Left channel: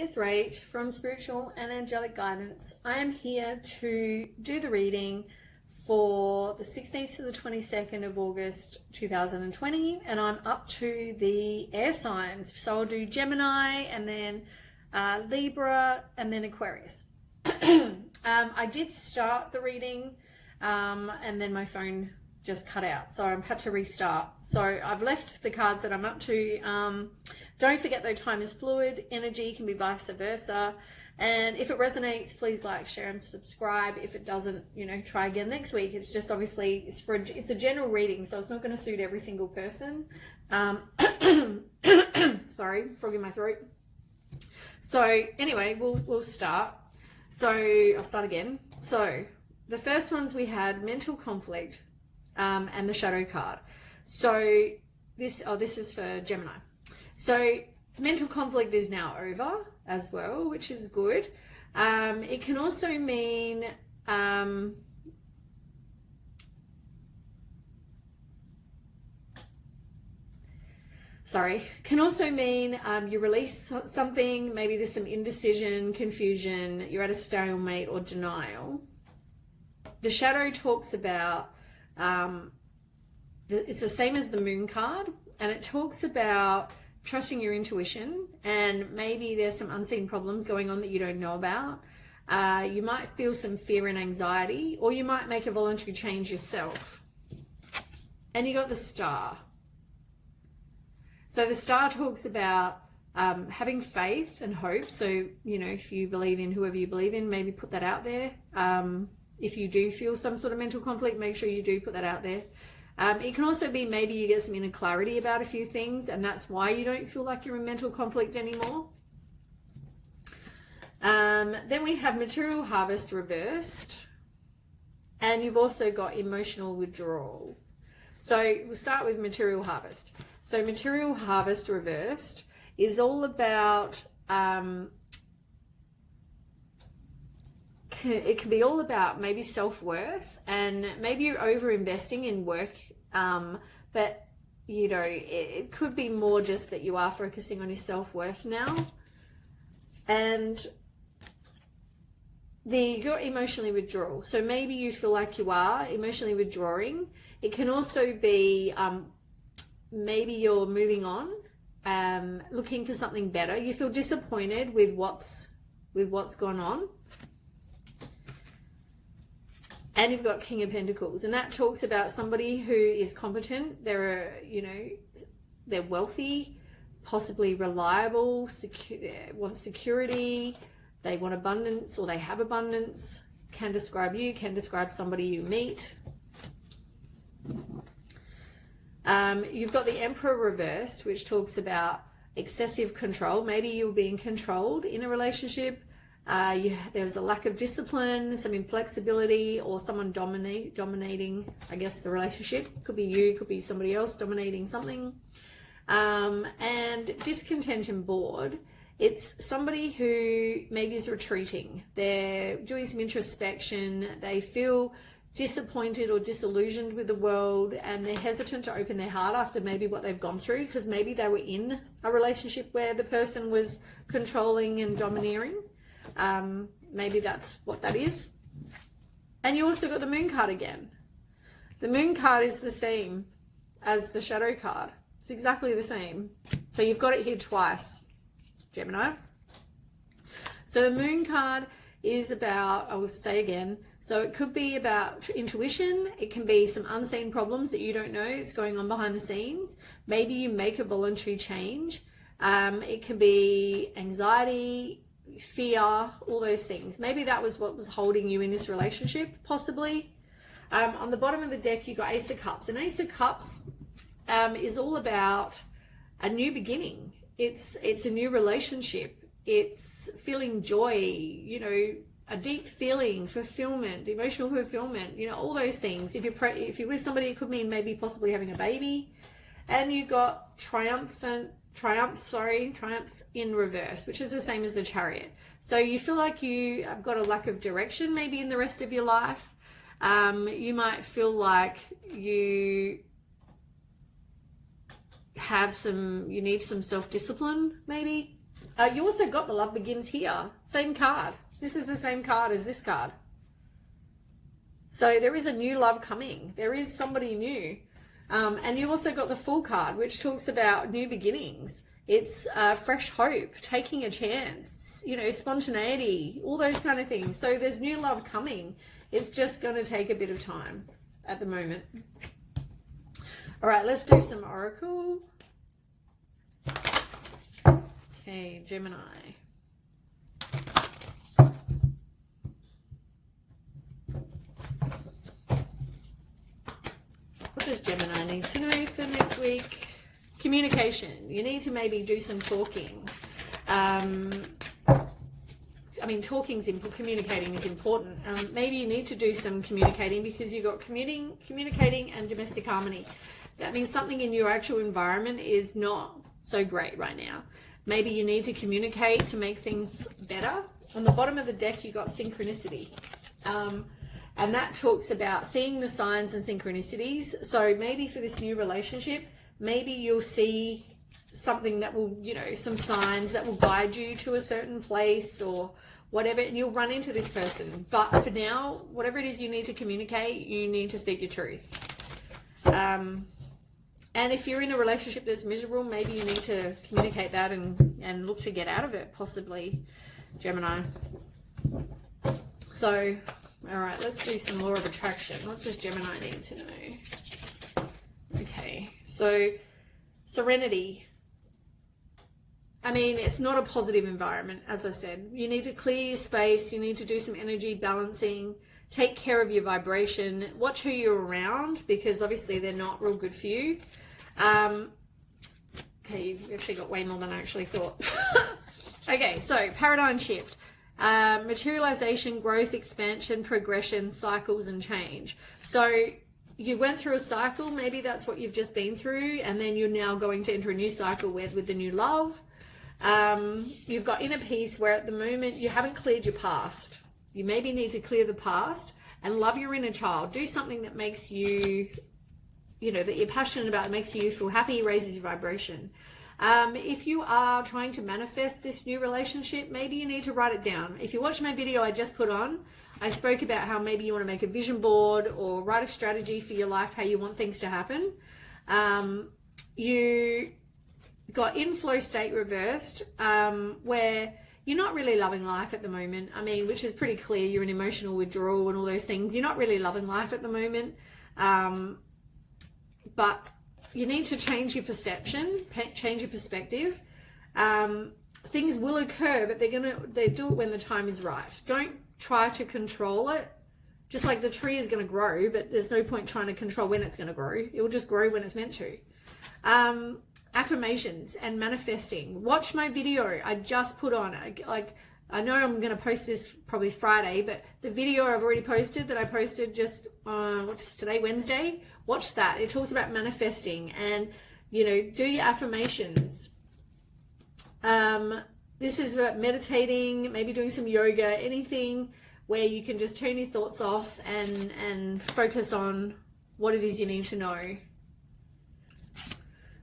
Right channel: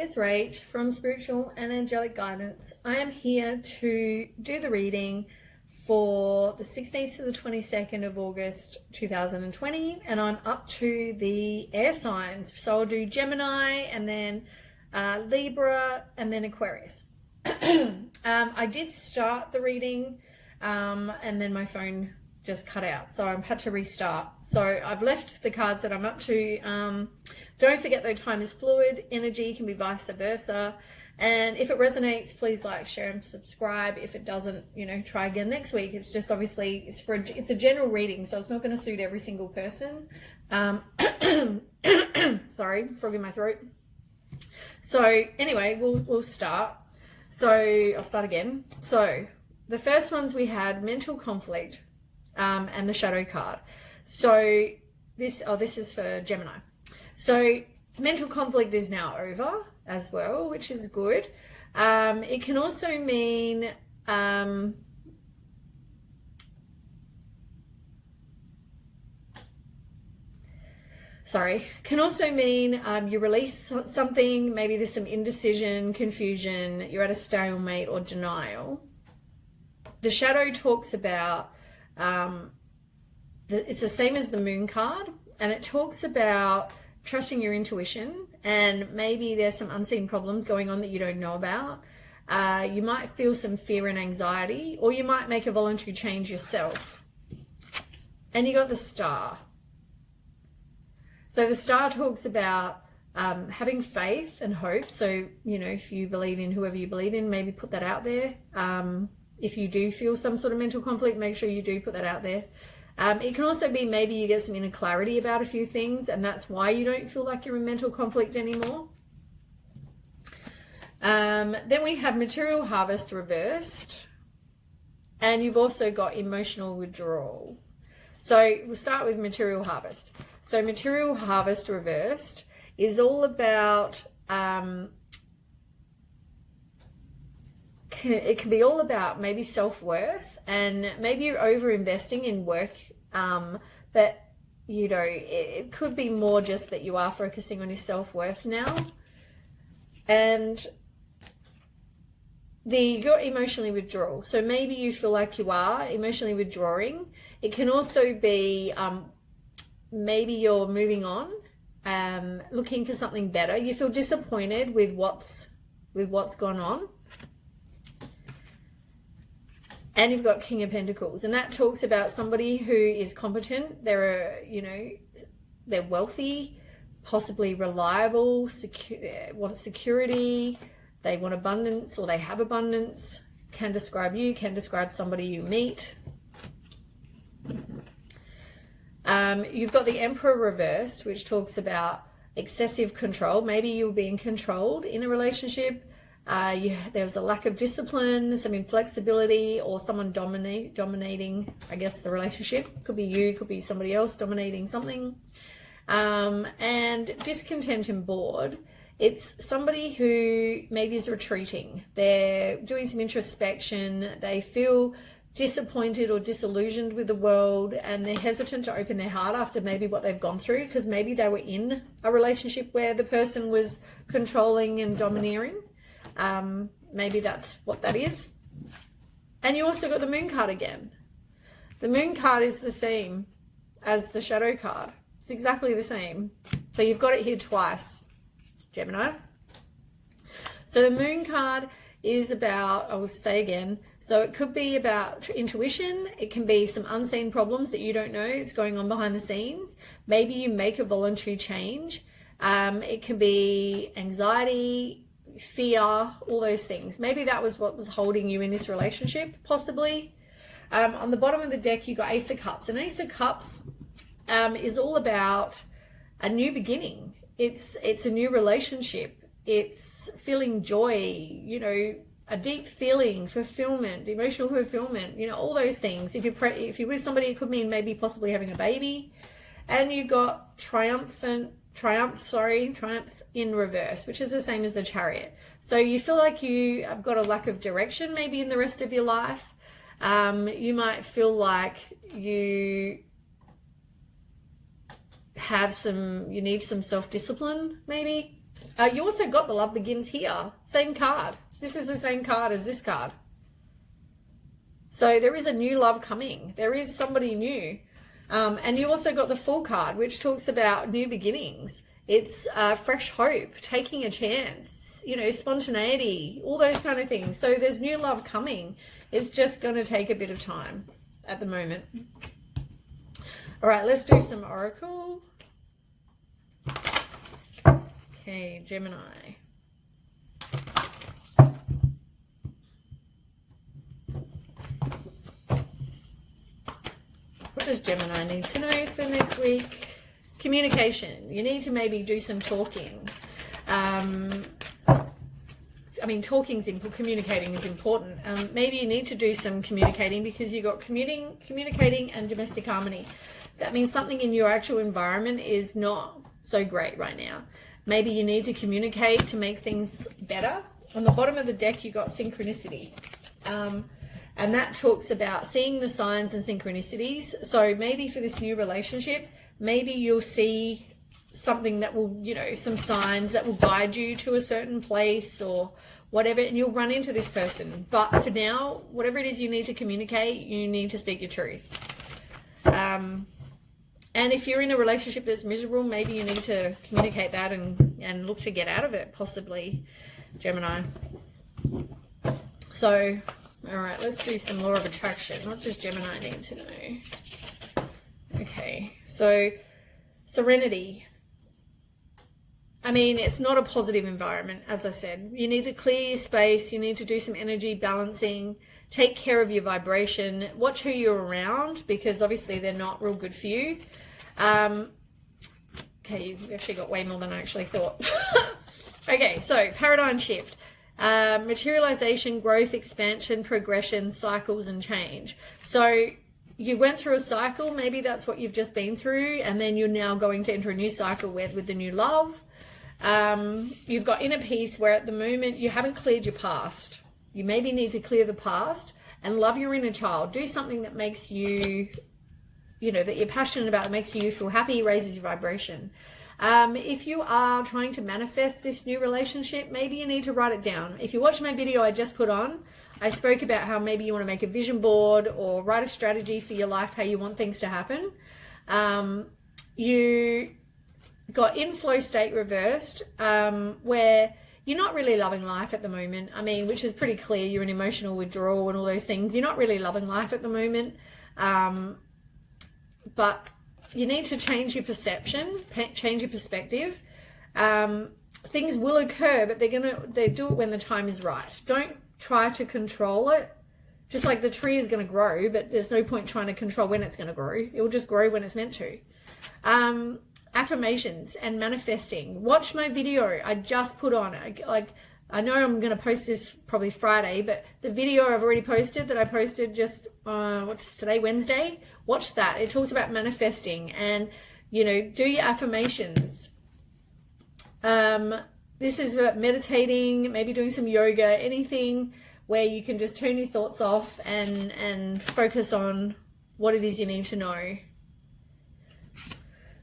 it's Rach from Spiritual and Angelic Guidance. I am here to do the reading for the 16th to the 22nd of August 2020, and I'm up to the air signs. So I'll do Gemini and then Libra and then Aquarius. I did start the reading and then my phone just cut out, so I've had to restart. So I've left the cards that I'm up to. Don't forget that time is fluid. Energy can be vice versa. And if it resonates, please like, share, and subscribe. If it doesn't, try again next week. It's just obviously it's a general reading, so it's not going to suit every single person. Sorry, frog in my throat. So anyway, we'll start. So I'll start again. So the first ones we had mental conflict, and the shadow card. So this is for Gemini. So mental conflict is now over as well, which is good. It can also mean you release something. Maybe there's some indecision, confusion, you're at a stalemate or denial. The shadow talks about it's the same as the moon card, and it talks about trusting your intuition, and maybe there's some unseen problems going on that you don't know about. You might feel some fear and anxiety, or you might make a voluntary change yourself. And you got the star. So the star talks about having faith and hope. So, if you believe in whoever you believe in, maybe put that out there. If you do feel some sort of mental conflict, make sure you do put that out there. It can also be maybe you get some inner clarity about a few things, and that's why you don't feel like you're in mental conflict anymore. Then we have material harvest reversed, and you've also got emotional withdrawal. So we'll start with material harvest. So material harvest reversed is all about it can be all about maybe self-worth, and maybe you're over-investing in work, but it could be more just that you are focusing on your self-worth now. And you got emotionally withdrawal. So maybe you feel like you are emotionally withdrawing. It can also be maybe you're moving on, looking for something better. You feel disappointed with what's gone on. And you've got King of Pentacles, and that talks about somebody who is competent. They're wealthy, possibly reliable, want security, they want abundance, or they have abundance. Can describe you, can describe somebody you meet. You've got the Emperor reversed, which talks about excessive control. Maybe you're being controlled in a relationship. There's a lack of discipline, some inflexibility, or someone dominating, I guess, the relationship. Could be you, could be somebody else dominating something. And discontent and bored. It's somebody who maybe is retreating. They're doing some introspection. They feel disappointed or disillusioned with the world, and they're hesitant to open their heart after maybe what they've gone through, because maybe they were in a relationship where the person was controlling and domineering. Maybe that's what that is. And you also got the moon card again. The moon card is the same as the shadow card. It's exactly the same. So you've got it here twice, Gemini. So the moon card is about, I will say again, so it could be about intuition. It can be some unseen problems that you don't know it's going on behind the scenes. Maybe you make a voluntary change. It can be anxiety, fear, all those things. Maybe that was what was holding you in this relationship, possibly. On the bottom of the deck, you got Ace of Cups, and Ace of Cups is all about a new beginning. It's a new relationship. It's feeling joy, a deep feeling, fulfillment, emotional fulfillment, all those things. If you're with somebody, it could mean maybe possibly having a baby. And you've got triumph in reverse, which is the same as the Chariot. So you feel like you have got a lack of direction maybe in the rest of your life. You might feel like you need some self-discipline maybe. You also got the love begins here. Same card. This is the same card as this card. So there is a new love coming. There is somebody new. And you also got the Fool card, which talks about new beginnings. It's fresh hope, taking a chance, you know, spontaneity, all those kind of things. So there's new love coming. It's just going to take a bit of time at the moment. All right, let's do some oracle. Okay, Gemini. What does Gemini need to know for next week? Communication. You need to maybe do some talking. I mean, communicating is important. Maybe you need to do some communicating because you've got communicating and domestic harmony. That means something in your actual environment is not so great right now. Maybe you need to communicate to make things better. On the bottom of the deck, you got synchronicity. And that talks about seeing the signs and synchronicities. So maybe for this new relationship, maybe you'll see something that will, you know, some signs that will guide you to a certain place or whatever, and you'll run into this person. But for now, whatever it is you need to communicate, you need to speak your truth. And if you're in a relationship that's miserable, maybe you need to communicate that and look to get out of it, possibly, Gemini. So, all right, let's do some law of attraction. What does Gemini need to know? Okay, so serenity. I mean, it's not a positive environment, as I said. You need to clear your space. You need to do some energy balancing. Take care of your vibration. Watch who you're around because obviously they're not real good for you. Okay, you've actually got way more than I actually thought. Okay, so paradigm shift. Materialization, growth, expansion, progression, cycles, and change. So you went through a cycle. Maybe that's what you've just been through. And then you're now going to enter a new cycle with the new love. You've got inner peace where at the moment you haven't cleared your past. You maybe need to clear the past and love your inner child. Do something that makes you, you know, that you're passionate about, that makes you feel happy, raises your vibration. If you are trying to manifest this new relationship, maybe you need to write it down. If you watch my video I just put on, I spoke about how maybe you want to make a vision board or write a strategy for your life, how you want things to happen. You got inflow state reversed, where you're not really loving life at the moment. I mean, which is pretty clear. You're in emotional withdrawal and all those things. You're not really loving life at the moment. But you need to change your perception, change your perspective. Things will occur, but they do it when the time is right. Don't try to control it. Just like the tree is going to grow, but there's no point trying to control when it's going to grow. It will just grow when it's meant to. Affirmations and manifesting. Watch my video I just put on. I know I'm going to post this probably Friday, but the video I've already posted that I posted just, what's today, Wednesday? Watch that. It talks about manifesting and, you know, do your affirmations. This is about meditating, maybe doing some yoga, anything where you can just turn your thoughts off and focus on what it is you need to know.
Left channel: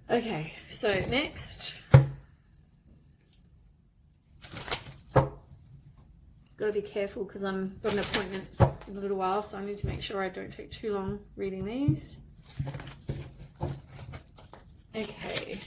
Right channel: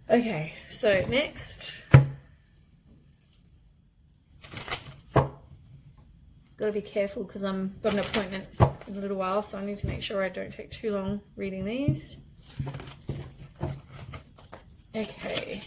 Okay, so next. Got to be careful because I've got an appointment in a little while, so I need to make sure I don't take too long reading these. Okay.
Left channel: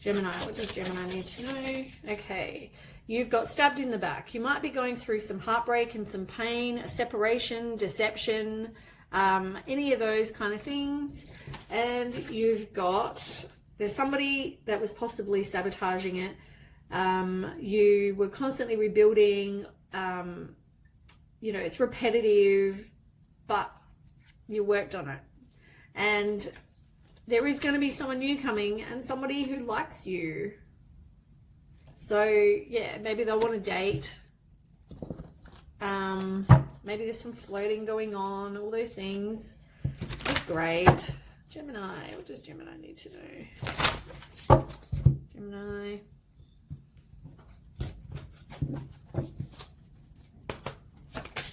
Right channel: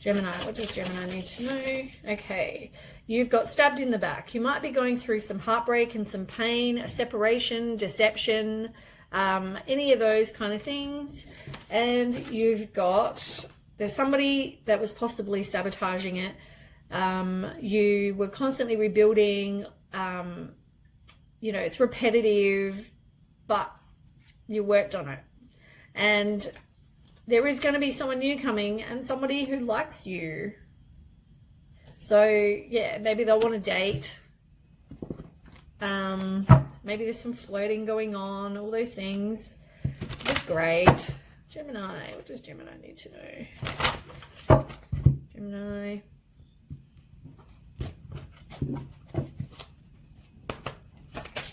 Gemini, what does Gemini need to know? Okay, you've got stabbed in the back. You might be going through some heartbreak and some pain, a separation, deception, any of those kind of things. And you've got, there's somebody that was possibly sabotaging it. You were constantly rebuilding. You know, it's repetitive, but you worked on it. And there is going to be someone new coming and somebody who likes you. So, yeah, maybe they'll want to date. Maybe there's some flirting going on, all those things. That's great. Gemini, what does Gemini need to know? Gemini.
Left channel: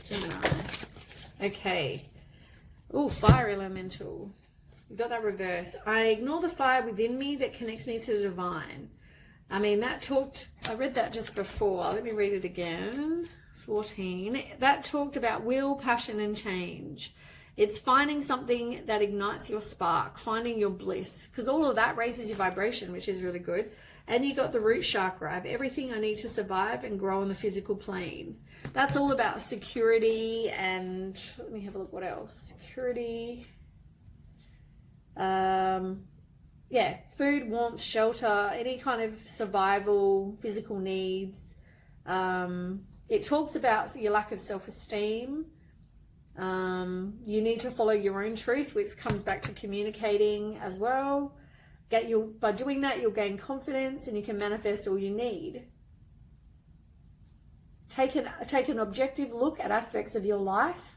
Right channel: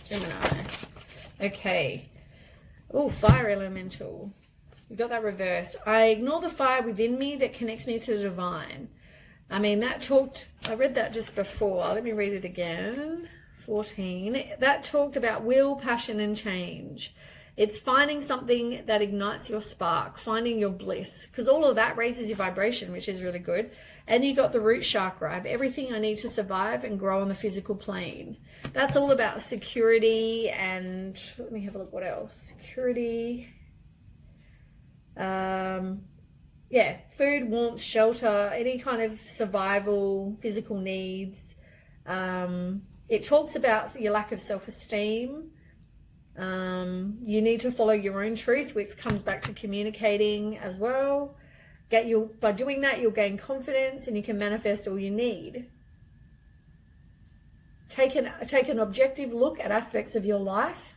Gemini. Okay. Oh, fire elemental. We got that reversed. I ignore the fire within me that connects me to the divine. I mean, that talked I read that just before. Let me read it again. 14. That talked about will, passion, and change. It's finding something that ignites your spark, finding your bliss, because all of that raises your vibration, which is really good. And you got the root chakra. I have everything I need to survive and grow on the physical plane. That's all about security and, let me have a look, what else? Security. Yeah, food, warmth, shelter, any kind of survival, physical needs. It talks about your lack of self-esteem. You need to follow your own truth, which comes back to communicating as well. By doing that, you'll gain confidence and you can manifest all you need. Take an objective look at aspects of your life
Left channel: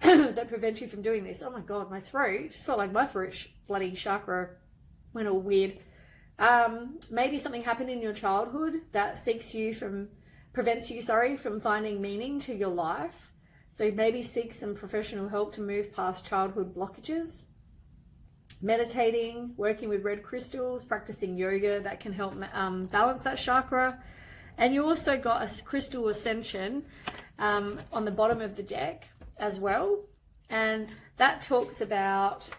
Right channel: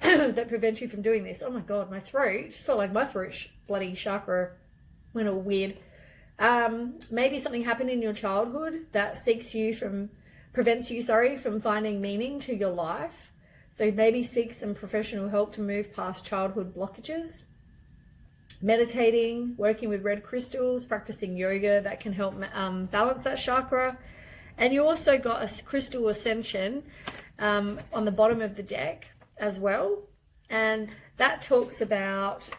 that prevent you from doing this. Oh my God, my throat just felt like my throat bloody chakra went all weird. Maybe something happened in your childhood that prevents you from finding meaning to your life. So maybe seek some professional help to move past childhood blockages. Meditating, working with red crystals, practicing yoga, that can help balance that chakra. And you also got a crystal ascension on the bottom of the deck as well. And that talks about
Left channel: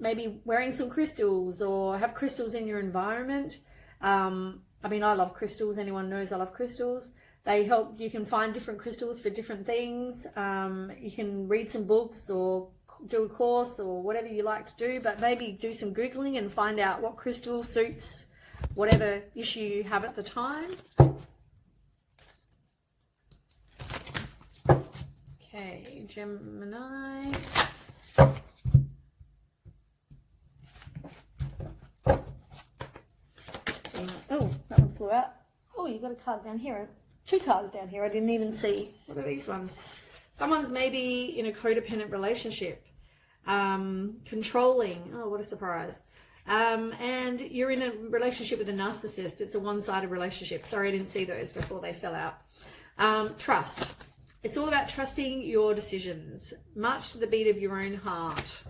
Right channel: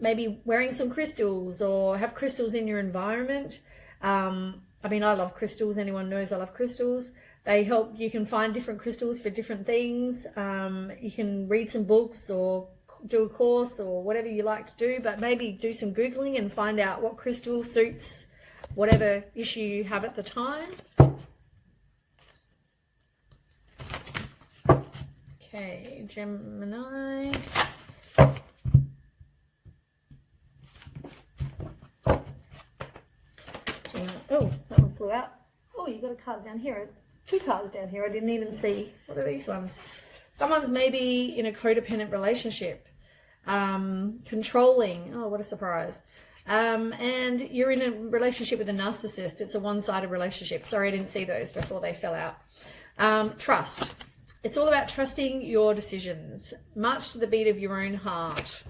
maybe wearing some crystals or have crystals in your environment. I mean, I love crystals. Anyone knows I love crystals. They help. You can find different crystals for different things. You can read some books or do a course or whatever you like to do, but maybe do some Googling and find out what crystal suits whatever issue you have at the time. Okay, Gemini. Oh, that one flew out. Oh, you got a card down here. 2 cards down here. I didn't even see. What are these ones? Someone's maybe in a codependent relationship. Controlling. Oh, what a surprise. And you're in a relationship with a narcissist. It's a one-sided relationship. Sorry, I didn't see those before they fell out. Trust. It's all about trusting your decisions, much to the beat of your own heart.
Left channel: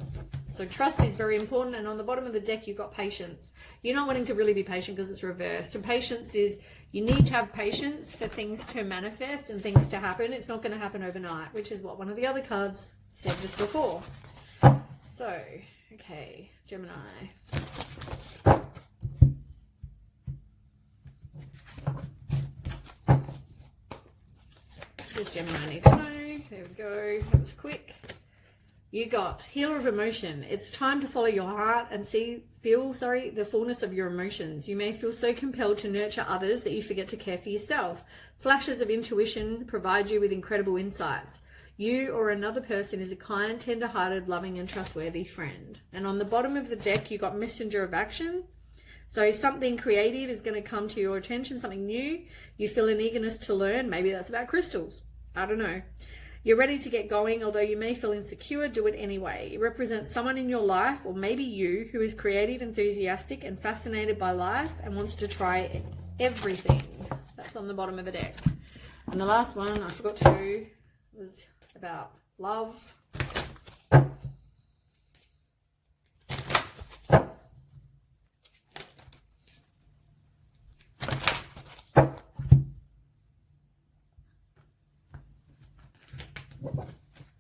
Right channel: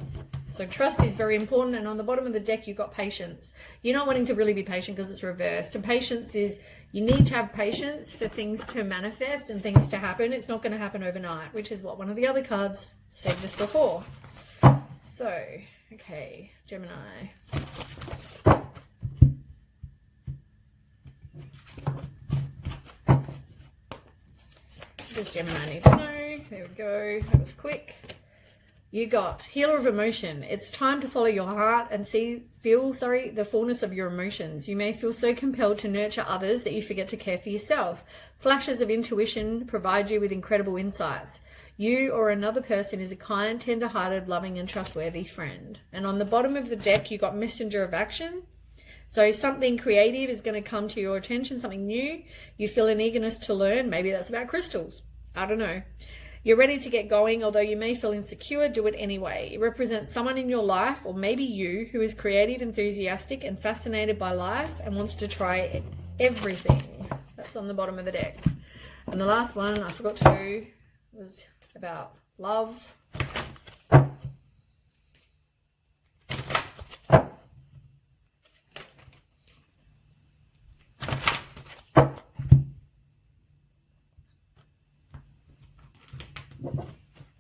So trust is very important. And on the bottom of the deck, you've got patience. You're not wanting to really be patient because it's reversed. And patience is, you need to have patience for things to manifest and things to happen. It's not going to happen overnight, which is what one of the other cards said just before. So, okay, Gemini. What does Gemini need to know? There we go. That was quick. You got healer of emotion. It's time to follow your heart and feel the fullness of your emotions. You may feel so compelled to nurture others that you forget to care for yourself. Flashes of intuition provide you with incredible insights. You or another person is a kind, tender-hearted, loving, and trustworthy friend. And on the bottom of the deck, you got messenger of action. So something creative is going to come to your attention, something new. You feel an eagerness to learn. Maybe that's about crystals. I don't know. You're ready to get going, although you may feel insecure, do it anyway. It represents someone in your life, or maybe you, who is creative, enthusiastic, and fascinated by life and wants to try everything. That's on the bottom of the deck. And the last one I forgot to do was about love.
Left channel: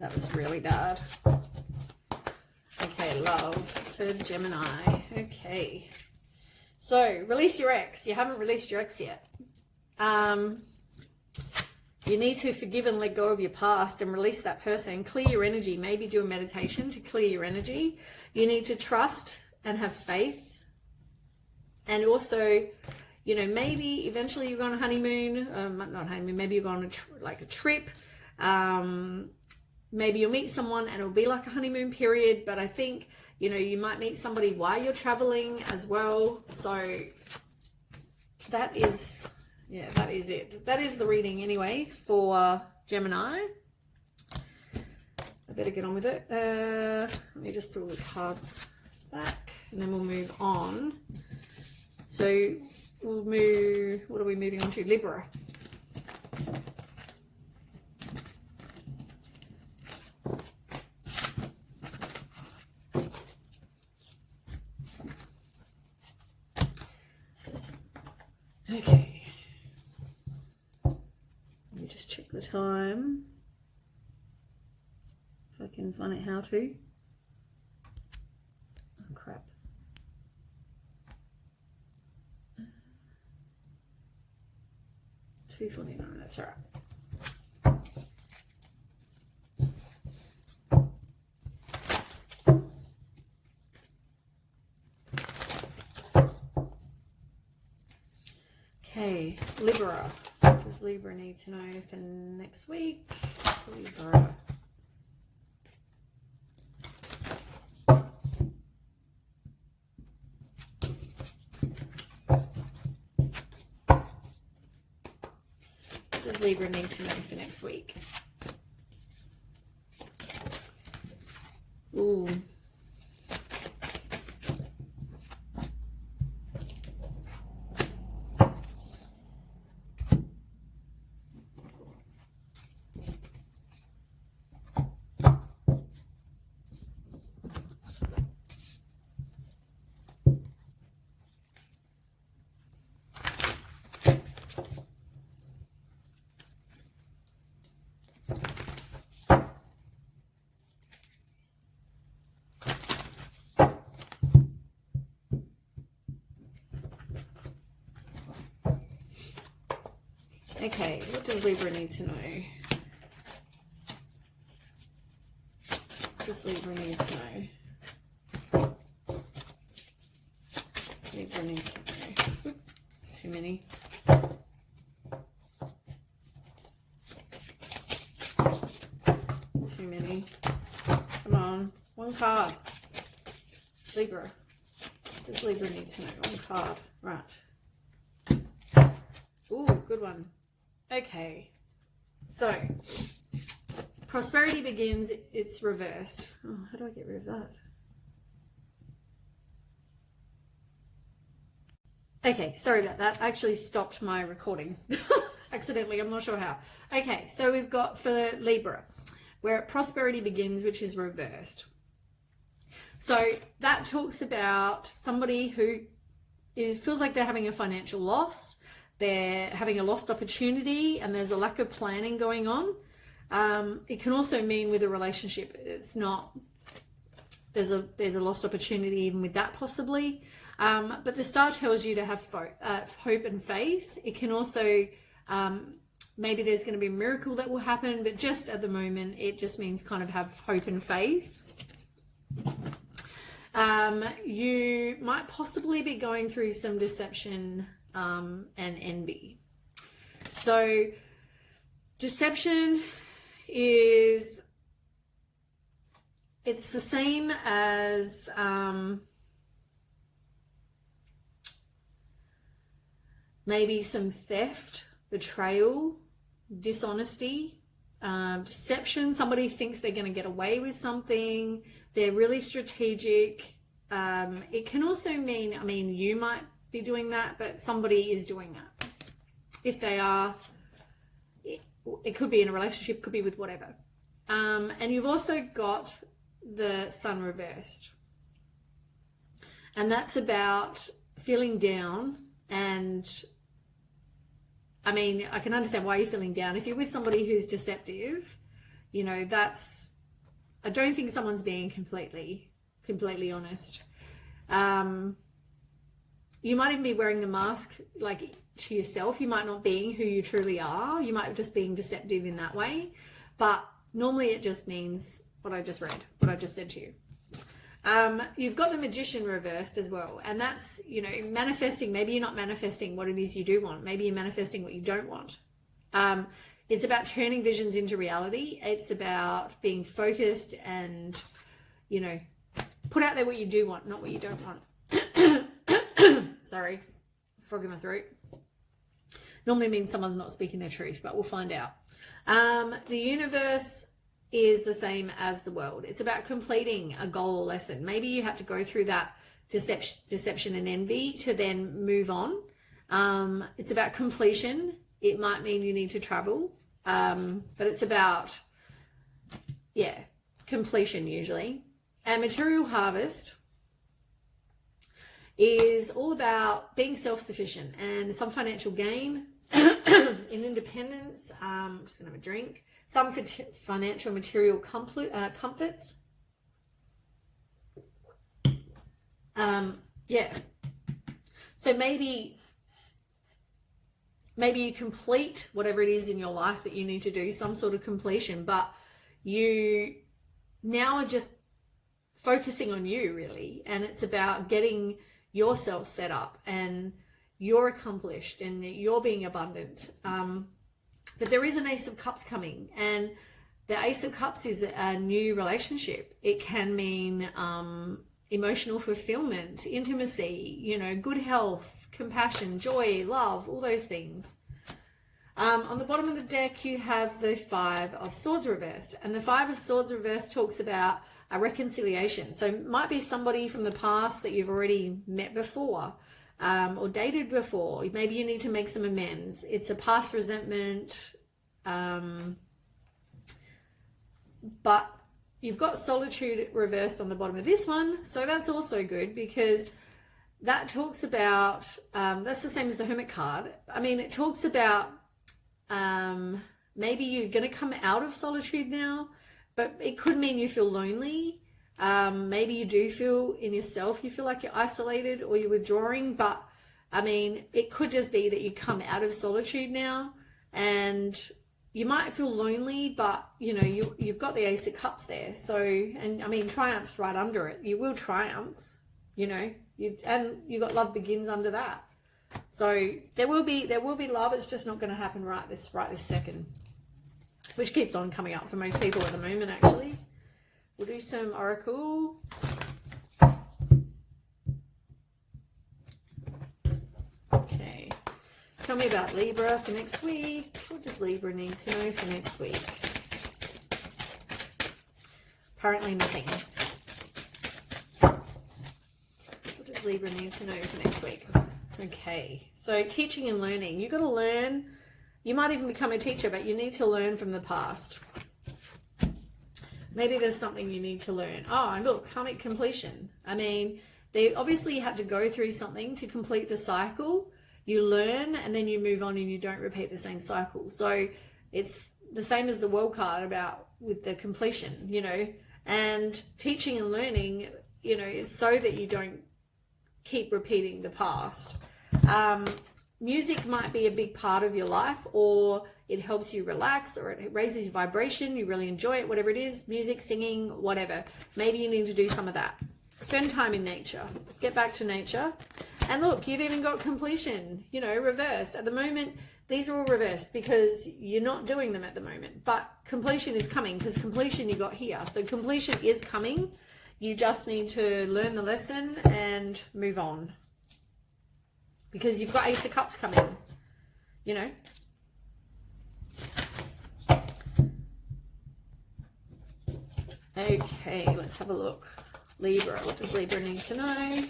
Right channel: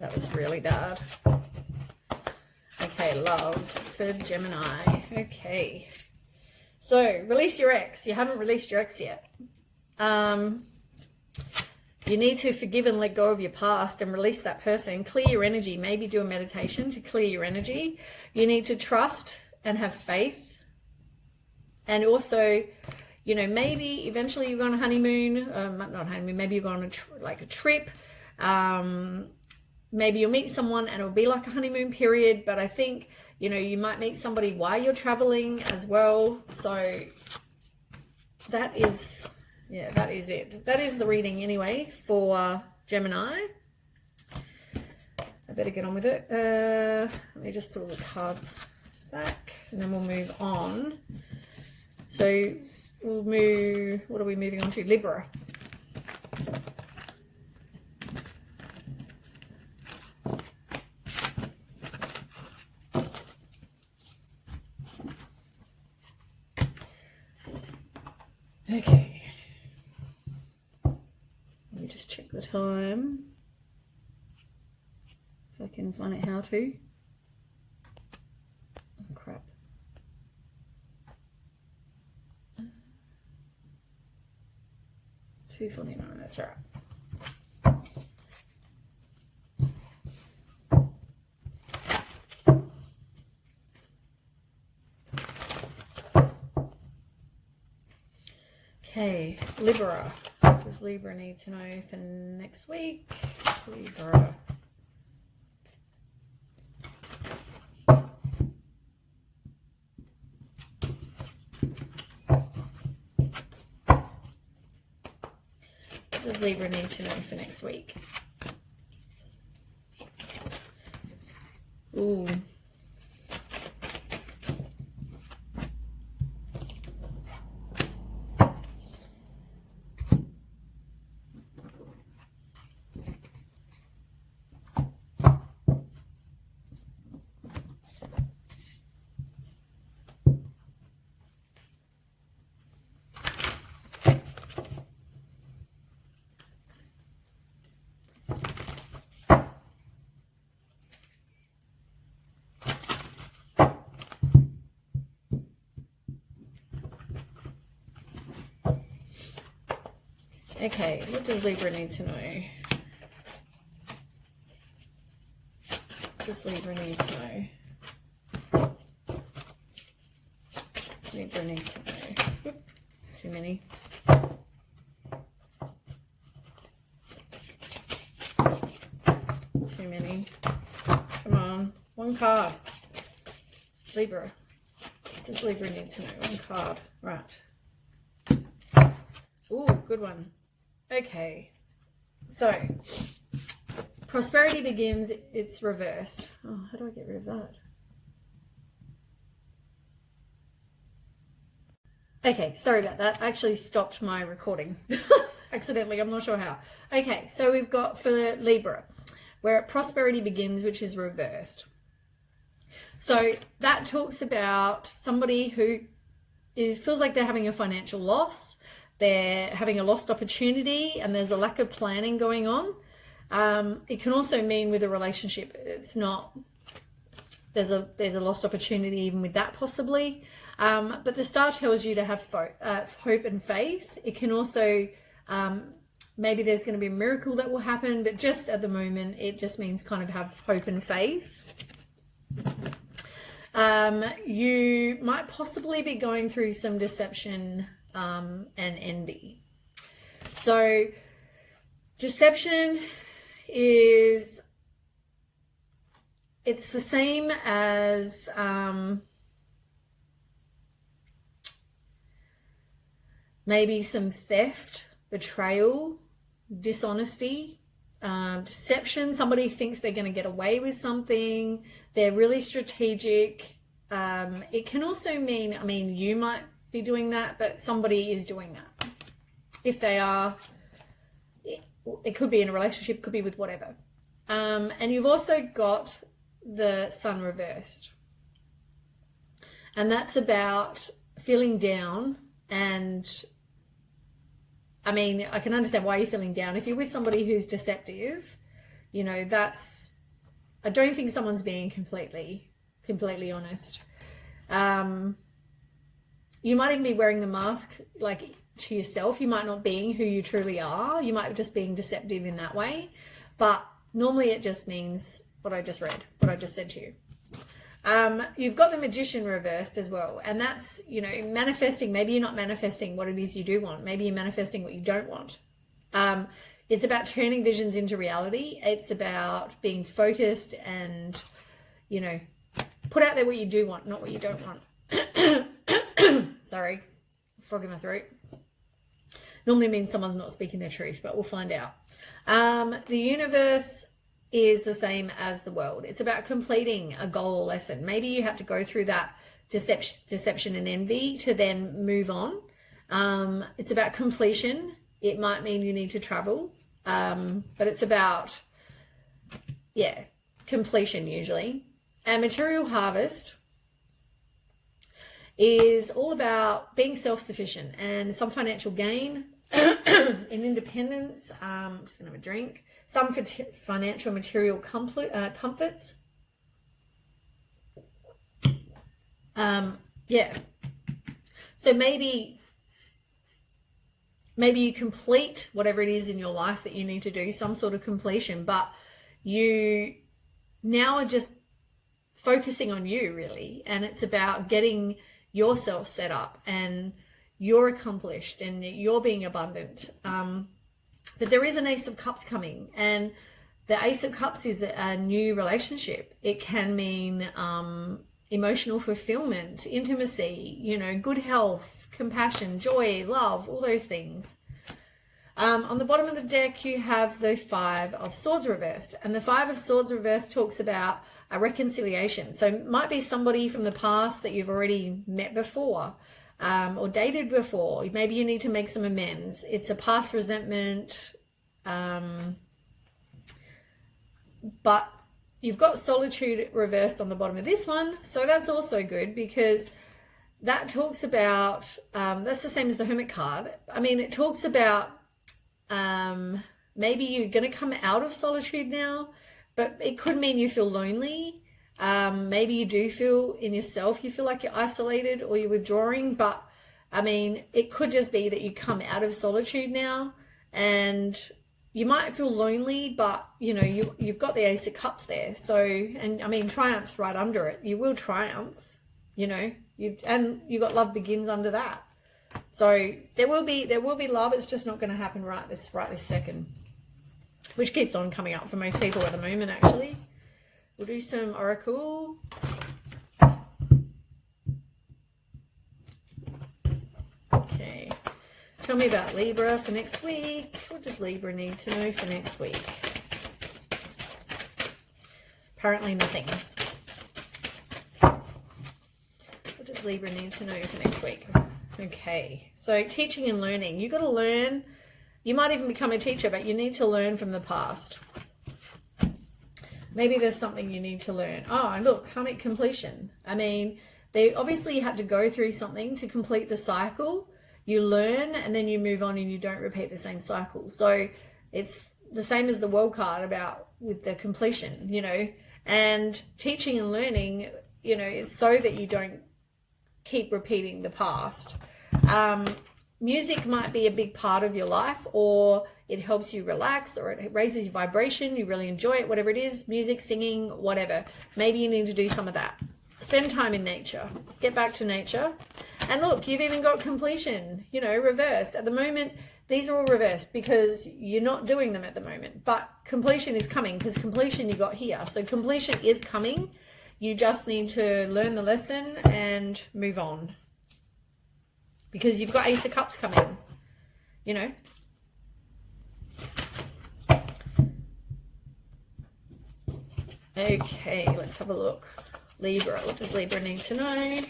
That was really bad. Okay, love for Gemini. Okay. So, release your ex. You haven't released your ex yet. You need to forgive and let go of your past and release that person. Clear your energy. Maybe do a meditation to clear your energy. You need to trust and have faith. And also, you know, maybe eventually you go on a honeymoon. Not honeymoon. Maybe you go on a trip. Maybe you'll meet someone and it'll be like a honeymoon period. But I think, you know, you might meet somebody while you're traveling as well. So that is... yeah, that is it. That is the reading anyway for Gemini. I better get on with it. Let me just put all the cards back and then we'll move on. So we'll move, what are we moving on to? Libra. Okay. the time. If I can find out how to. Oh, crap. $2.49, that's all right. Okay, Libra. What does Libra need to know for next week? Libra. What does Libra need to know for next week? Ooh. Okay, what does Libra need to know? What does Libra need to know? Libra needs to know. Oop, too many. Too many. Come on, one card. Libra. What does Libra need to know? One card. Right. Ooh, good one. Okay, so prosperity begins, it's reversed. Oh, how do I get rid of that? Okay, sorry about that. I actually stopped my recording accidentally. I'm not sure how. Okay, so we've got for Libra, where prosperity begins, which is reversed. So that talks about somebody who feels like they're having a financial loss. They're having a lost opportunity and there's a lack of planning going on. It can also mean with a relationship, it's not, there's a lost opportunity even with that possibly. But the star tells you to have hope and faith. It can also, maybe there's going to be a miracle that will happen, but just at the moment, it just means kind of have hope and faith. You might possibly be going through some deception and envy. So deception is, it's the same as maybe some theft, betrayal, dishonesty, deception. Somebody thinks they're going to get away with something. They're really strategic. It can also mean, I mean, you might be doing that, but somebody is doing that. If they are, it could be in a relationship, it could be with whatever. And you've also got the sun reversed. And that's about feeling down. And I mean, I can understand why you're feeling down. If you're with somebody who's deceptive, you know, that's, I don't think someone's being completely honest. You might even be wearing the mask like to yourself. You might not being who you truly are. You might be just being deceptive in that way. But normally it just means what I just read, what I just said to you. You've got the Magician reversed as well. And that's, you know, manifesting. Maybe you're not manifesting what it is you do want. Maybe you're manifesting what you don't want. It's about turning visions into reality. It's about being focused and, you know, put out there what you do want, not what you don't want. Sorry, frog in my throat. Normally means someone's not speaking their truth, but we'll find out. The universe is the same as the world. It's about completing a goal or lesson. Maybe you have to go through that deception and envy to then move on. It's about completion. It might mean you need to travel, but it's about, yeah, completion usually. And material harvest is all about being self-sufficient and some financial gain. in independence. I'm just going to have a drink. Some financial material comforts. Yeah. So maybe you complete whatever it is in your life that you need to do, some sort of completion, but you now are just focusing on you, really, and it's about getting yourself set up, and you're accomplished and you're being abundant. But there is an Ace of Cups coming, and the Ace of Cups is a new relationship. It can mean emotional fulfillment, intimacy, you know, good health, compassion, joy, love, all those things. On the bottom of the deck, you have the Five of Swords reversed, and the Five of Swords reversed talks about a reconciliation. So it might be somebody from the past that you've already met before, or dated before. Maybe you need to make some amends. It's a past resentment, but you've got solitude reversed on the bottom of this one, so that's also good, because that talks about, that's the same as the Hermit card. I mean, it talks about maybe you're going to come out of solitude now, but it could mean you feel lonely. Maybe you do feel in yourself, you feel like you're isolated or you're withdrawing, but I mean, it could just be that you come out of solitude now, and you might feel lonely, but you know, you've got the Ace of Cups there. So, and I mean, triumph's right under it. You will triumph, you know, and you got love begins under that. So there will be love. It's just not going to happen right this second, which keeps on coming up for most people at the moment, actually. We'll do some oracle. Okay. Tell me about Libra for next week. What does Libra need to know for next week? Apparently nothing. What does Libra need to know for next week? Okay. So teaching and learning. You've got to learn. You might even become a teacher, but you need to learn from the past. Maybe there's something you need to learn. Oh, and look, karmic completion. I mean, they obviously had to go through something to complete the cycle. You learn and then you move on and you don't repeat the same cycle. So it's the same as the World card about with the completion, you know, and teaching and learning, you know, is so that you don't keep repeating the past. Music might be a big part of your life, or it helps you relax, or it raises your vibration. You really enjoy it, whatever it is, music, singing, whatever. Maybe you need to do some of that. Spend time in nature. Get back to nature. And look, you've even got completion, you know, reversed. At the moment, these are all reversed because you're not doing them at the moment. But completion is coming, because completion you got here. So completion is coming. You just need to learn the lesson and move on. Because you've got Ace of Cups coming, you know. Okay, let's have a look. Libra, what does Libra need to know?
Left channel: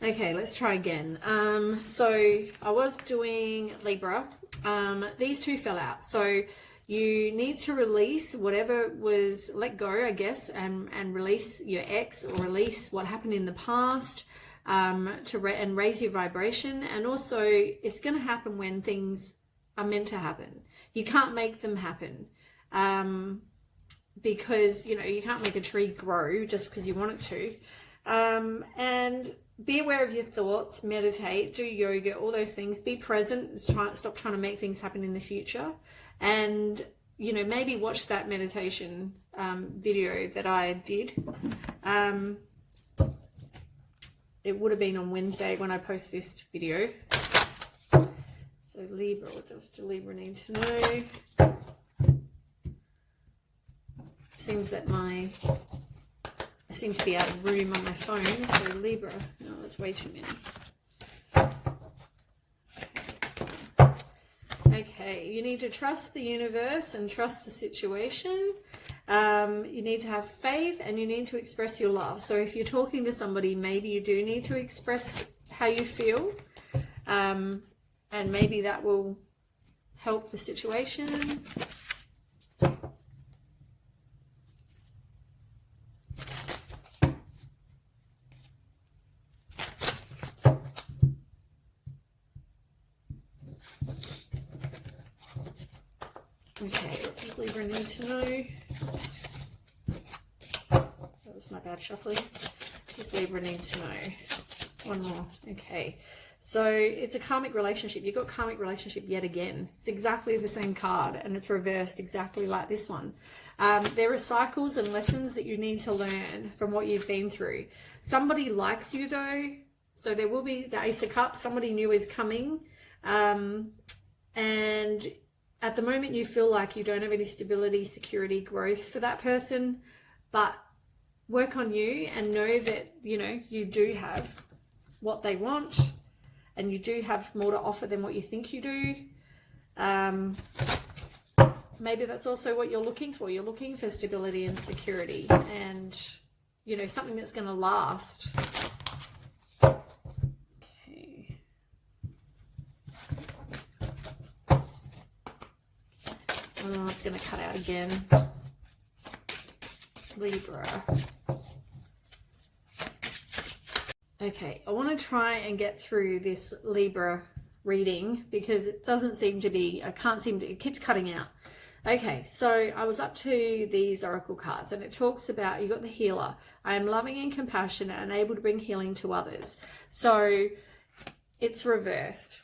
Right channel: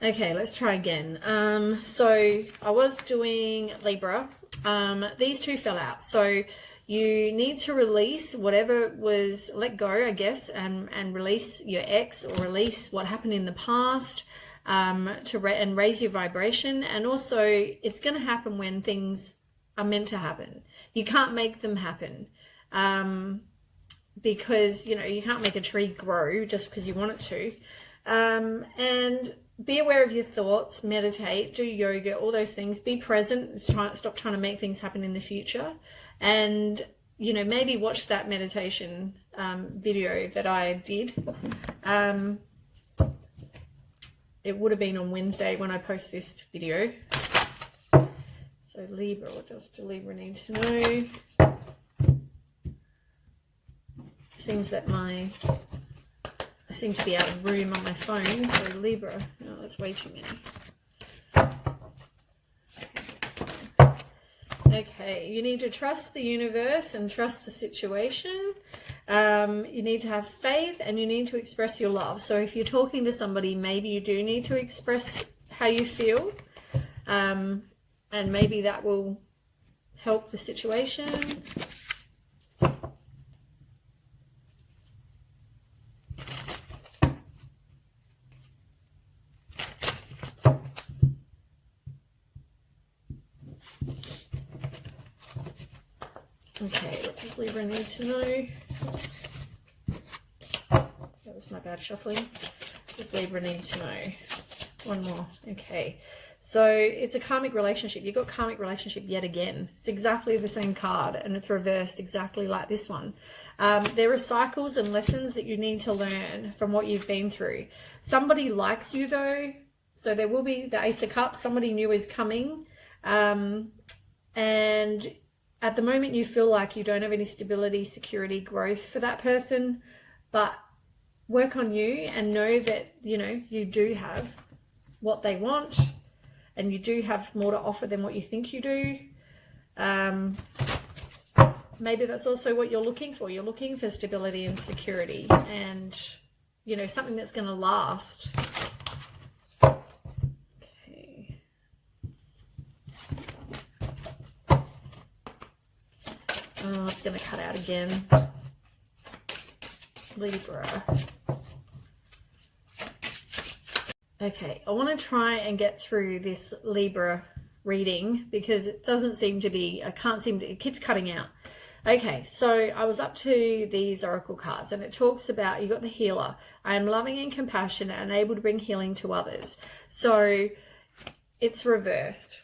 Okay, let's try again. So I was doing Libra. These two fell out. So you need to release whatever was, let go, I guess, and release your ex, or release what happened in the past. And raise your vibration. And also, it's going to happen when things are meant to happen. You can't make them happen, because, you know, you can't make a tree grow just because you want it to. And be aware of your thoughts, meditate, do yoga, all those things. Be present. Stop trying to make things happen in the future. And, you know, maybe watch that meditation video that I did. It would have been on Wednesday when I post this video. So Libra, what else do Libra need to know? Seems that I seem to be out of room on my phone. So Libra, oh, that's way too many. Okay, you need to trust the universe and trust the situation. You need to have faith, and you need to express your love. So if you're talking to somebody, maybe you do need to express how you feel, and maybe that will help the situation. Okay, what does Libra need to know? Oops. That was my bad shuffling. What does Libra need to know? One more. Okay. So it's a karmic relationship. You've got karmic relationship yet again. It's exactly the same card and it's reversed exactly like this one. There are cycles and lessons that you need to learn from what you've been through. Somebody likes you though. So there will be the Ace of Cups. Somebody new is coming. And at the moment you feel like you don't have any stability, security, growth for that person. But work on you and know that, you know, you do have what they want. And you do have more to offer than what you think you do. Maybe that's also what you're looking for. You're looking for stability and security and, you know, something that's going to last. Okay. Oh, it's going to cut out again. Libra. Okay, I want to try and get through this Libra reading because it doesn't seem to be, it keeps cutting out. Okay, so I was up to these oracle cards and it talks about, you got the healer. I am loving and compassionate and able to bring healing to others. So it's reversed.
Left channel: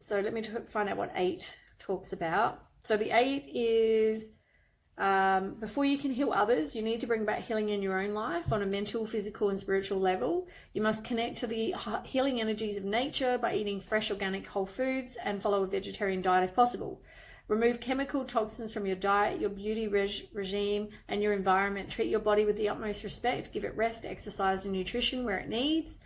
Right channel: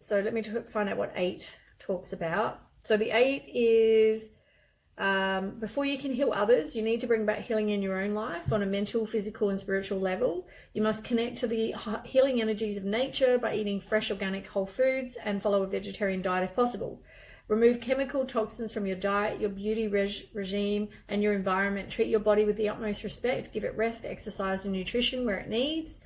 So let me find out what 8 talks about. So the 8 is, before you can heal others, you need to bring about healing in your own life on a mental, physical, and spiritual level. You must connect to the healing energies of nature by eating fresh, organic, whole foods and follow a vegetarian diet if possible. Remove chemical toxins from your diet, your beauty regime, and your environment. Treat your body with the utmost respect. Give it rest, exercise, and nutrition where it needs.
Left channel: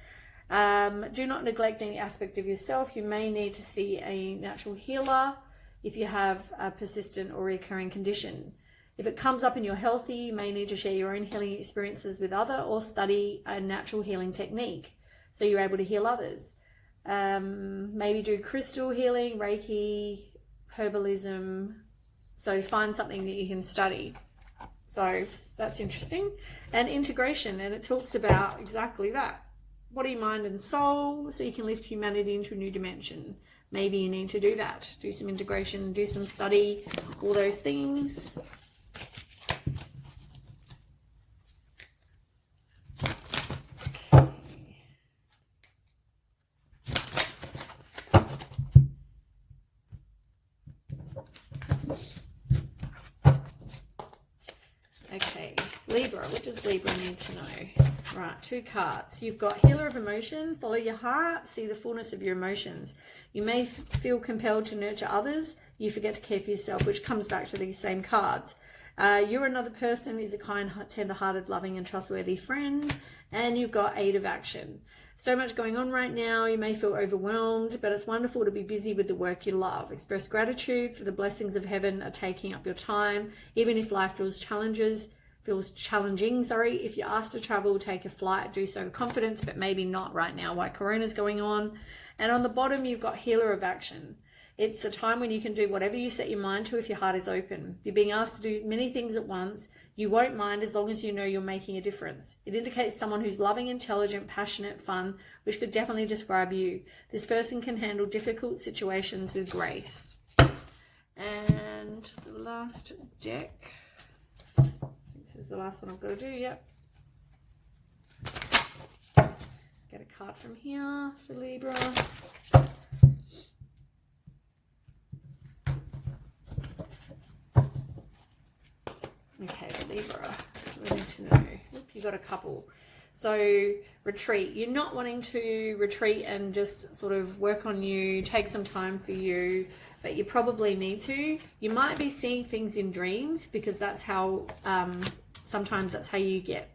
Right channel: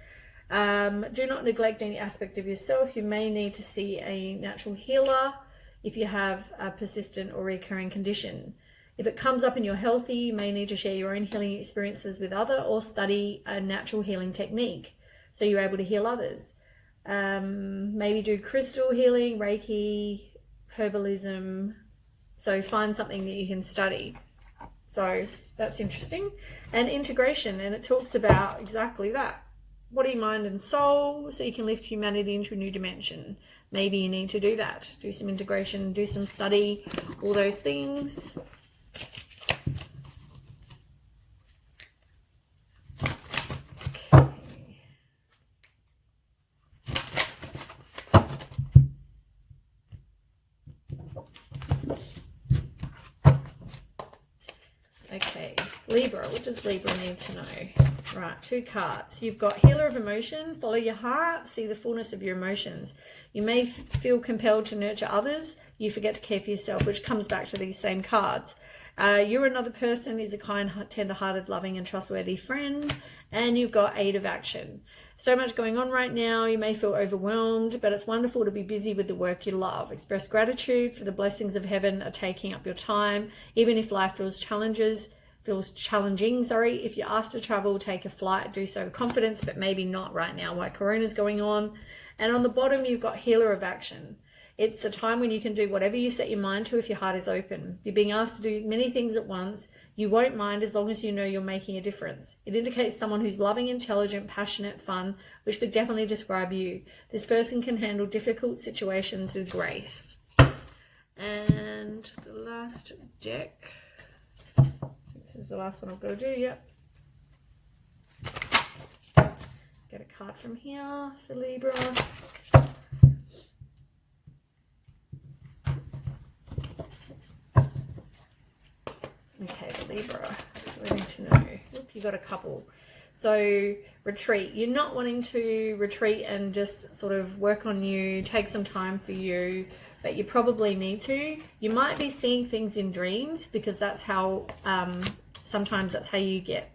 Do not neglect any aspect of yourself. You may need to see a natural healer if you have a persistent or recurring condition. If it comes up and you're healthy, you may need to share your own healing experiences with others or study a natural healing technique so you're able to heal others. Maybe do crystal healing, Reiki, herbalism. So find something that you can study. So that's interesting. And integration, and it talks about exactly that. Body, mind, and soul, so you can lift humanity into a new dimension. Maybe you need to do that. Do some integration, do some study, all those things. Okay, Libra, what does Libra need to know? Right, 2 cards. You've got Healer of Emotion, follow your heart, see the fullness of your emotions. You may feel compelled to nurture others, you forget to care for yourself, which comes back to these same cards. You're another person is a kind, tender-hearted, loving and trustworthy friend, and you've got 8 of Action. So much going on right now, you may feel overwhelmed, but it's wonderful to be busy with the work you love. Express gratitude for the blessings of heaven are taking up your time, even if life feels challenging. If you're asked to travel, take a flight, do so with confidence, but maybe not right now while Corona's going on. And on the bottom, you've got Healer of Action. It's a time when you can do whatever you set your mind to if your heart is open. You're being asked to do many things at once. You won't mind as long as you know you're making a difference. It indicates someone who's loving, intelligent, passionate, fun, which could definitely describe you. This person can handle difficult situations with grace. And the last deck. This is the last one I've got to do, yep. Get a card from here for Libra. Okay, Libra, we need to know. Look, you got a couple. So retreat. You're not wanting to retreat and just sort of work on you, take some time for you, but you probably need to. You might be seeing things in dreams because that's how, sometimes that's how you get,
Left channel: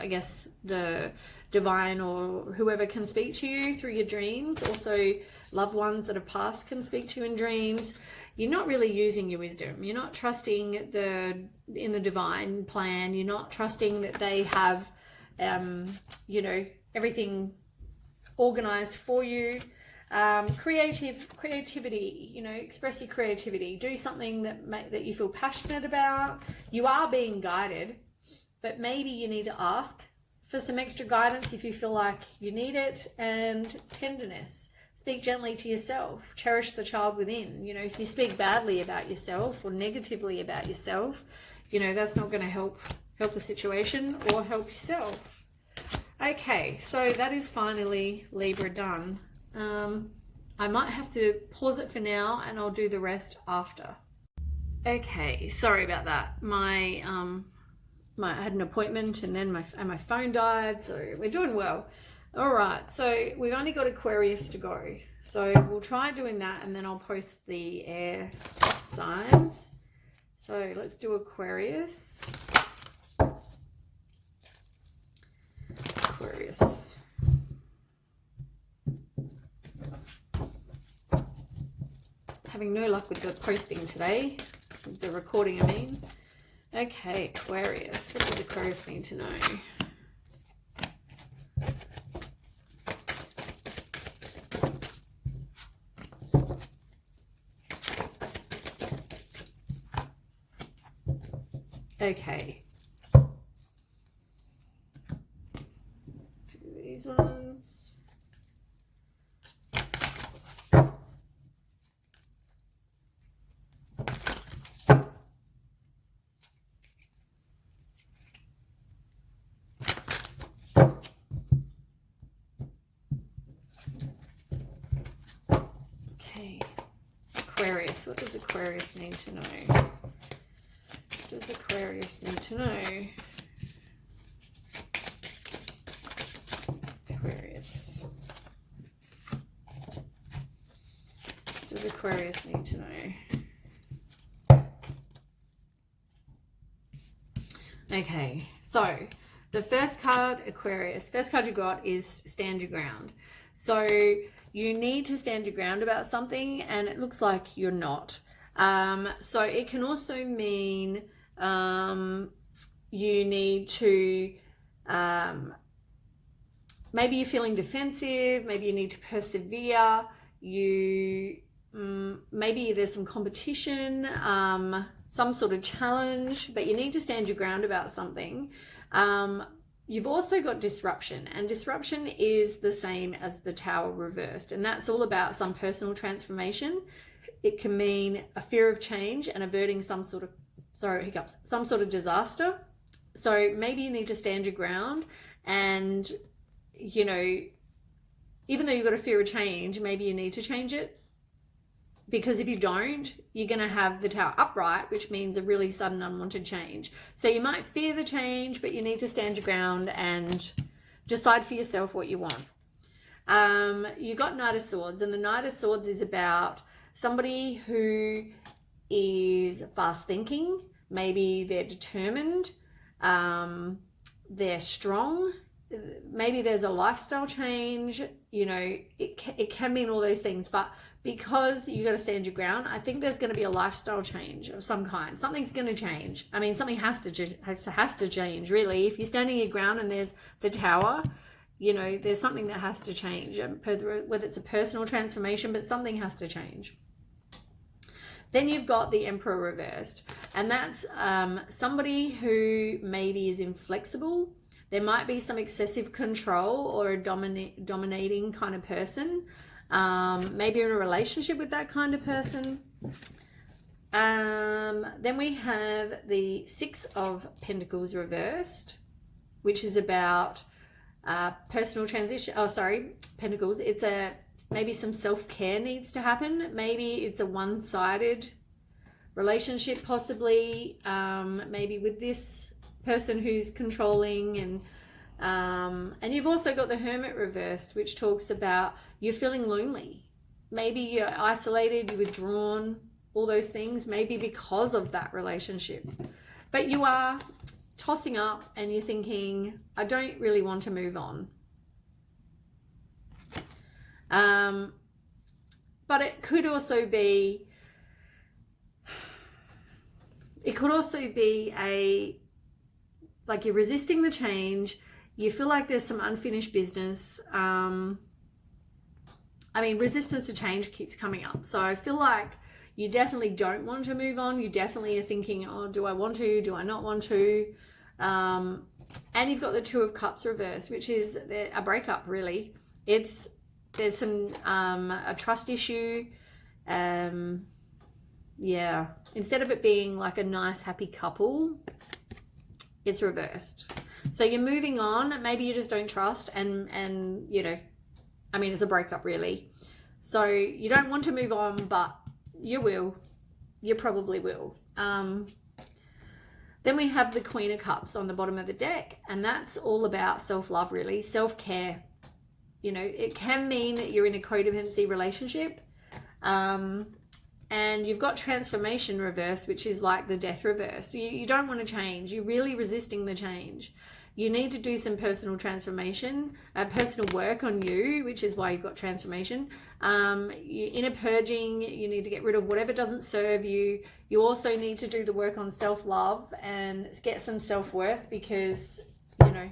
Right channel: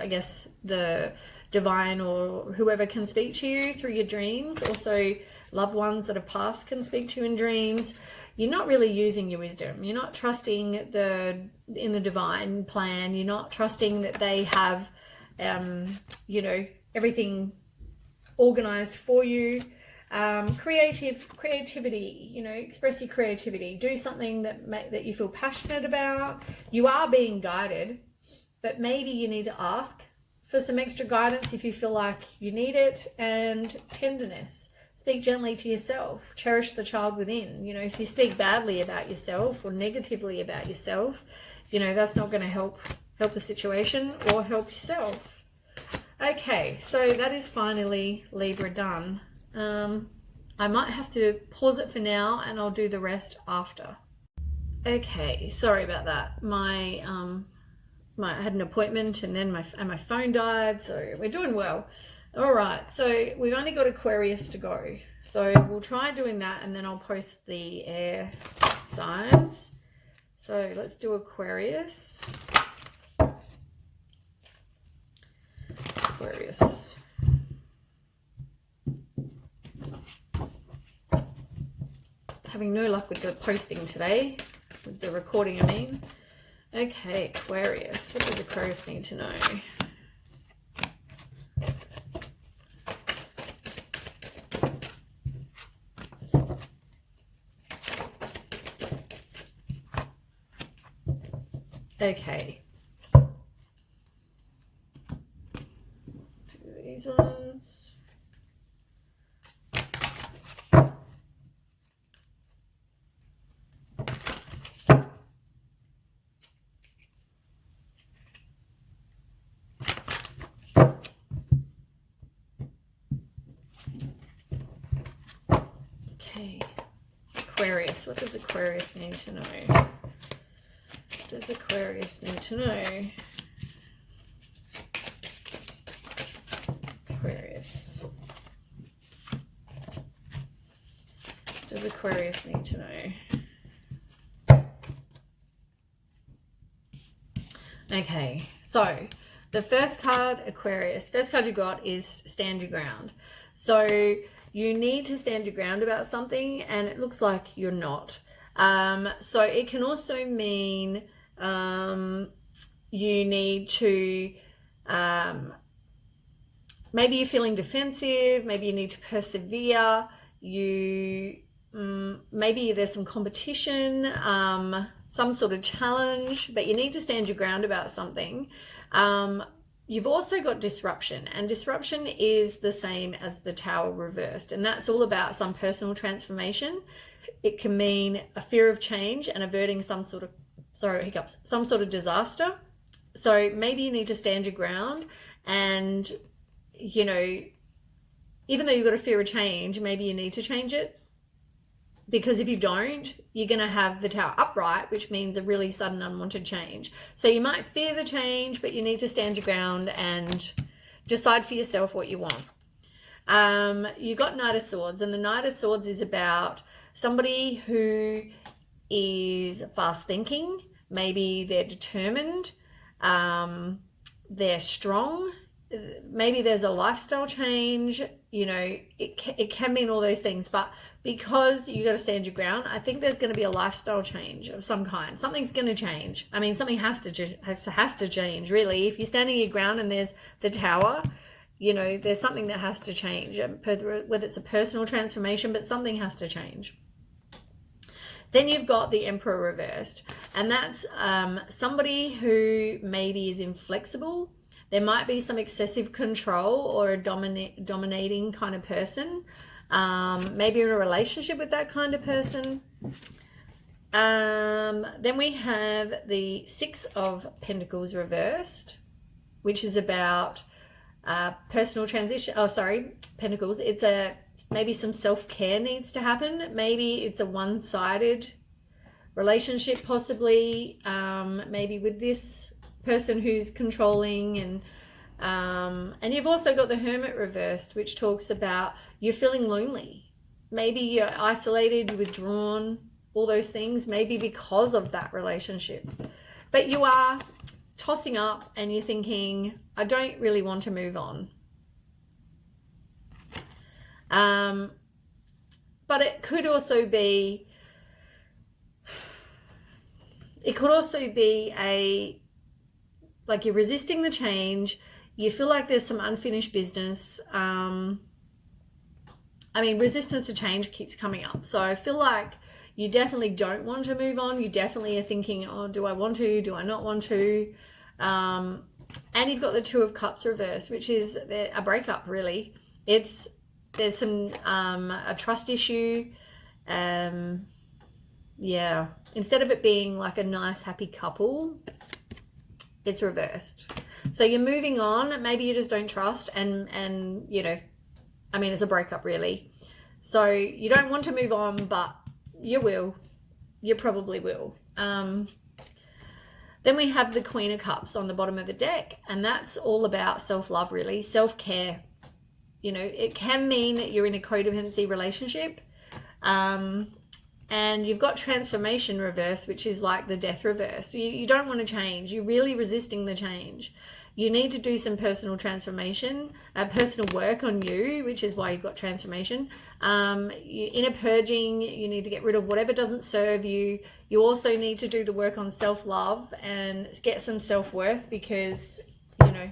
I guess, the divine or whoever can speak to you through your dreams. Also, loved ones that have passed can speak to you in dreams. You're not really using your wisdom. You're not trusting in the divine plan. You're not trusting that they have, you know, everything organized for you. Creativity, you know, express your creativity. Do something that you feel passionate about. You are being guided, but maybe you need to ask for some extra guidance if you feel like you need it. And tenderness. speak gently to yourself. Cherish the child within. You know, if you speak badly about yourself or negatively about yourself, you know, that's not going to help the situation or help yourself. Okay, so that is finally Libra done. I might have to pause it for now and I'll do the rest after. Okay, sorry about that. I had an appointment and then my phone died, so we're doing well. All right, so we've only got Aquarius to go. So we'll try doing that and then I'll post the air signs. So let's do Aquarius. Aquarius. Having no luck with the posting today, with the recording, I mean. Okay, Aquarius. What does Aquarius need to know? Okay. Do these ones. Okay. Aquarius. What does Aquarius need to know? Does Aquarius need to know? Aquarius. Does Aquarius need to know? Okay, so the first card, Aquarius, first card you got is stand your ground. So you need to stand your ground about something and it looks like you're not. So it can also mean you need to, maybe you're feeling defensive, maybe you need to persevere, maybe there's some competition, some sort of challenge, but you need to stand your ground about something. You've also got disruption, and disruption is the same as the Tower reversed, and that's all about some personal transformation. It can mean a fear of change and averting some sort of disaster. So maybe you need to stand your ground and, you know, even though you've got a fear of change, maybe you need to change it, because if you don't, you're going to have the Tower upright, which means a really sudden unwanted change. So you might fear the change, but you need to stand your ground and decide for yourself what you want. You got Knight of Swords, and the Knight of Swords is about somebody who is fast thinking. Maybe they're determined, they're strong, maybe there's a lifestyle change, you know, it can mean all those things, but because you got to stand your ground, I think there's going to be a lifestyle change of some kind. Something's going to change. I mean, something has to change, really. If you're standing your ground and there's the Tower, you know, there's something that has to change, whether it's a personal transformation, but something has to change. Then you've got the Emperor reversed, and that's somebody who maybe is inflexible. There might be some excessive control or a dominating kind of person. Maybe in a relationship with that kind of person. Then we have the Six of Pentacles reversed, which is about personal transition. Oh, sorry, Pentacles. It's maybe some self-care needs to happen. Maybe it's a one-sided relationship, possibly, maybe with this person who's controlling, and you've also got the Hermit reversed, which talks about you're feeling lonely. Maybe you're isolated, you're withdrawn, all those things, maybe because of that relationship. But you are tossing up and you're thinking, I don't really want to move on. But it could also be like you're resisting the change. You feel like there's some unfinished business. I mean, resistance to change keeps coming up. So I feel like you definitely don't want to move on. You definitely are thinking, oh, do I want to? Do I not want to? And you've got the Two of Cups reversed, which is a breakup, really. It's there's some a trust issue. Yeah, instead of it being like a nice happy couple, it's reversed. So you're moving on, maybe you just don't trust, and you know, I mean, it's a breakup really. So you don't want to move on, but you will. You probably will. Then we have the Queen of Cups on the bottom of the deck, and that's all about self-love really, self-care. You know, it can mean that you're in a codependency relationship, and you've got transformation reverse, which is like the death reverse. You don't want to change. You're really resisting the change. You need to do some personal transformation, personal work on you, which is why you've got transformation. Inner purging, you need to get rid of whatever doesn't serve you. You also need to do the work on self-love and get some self-worth, because, you know,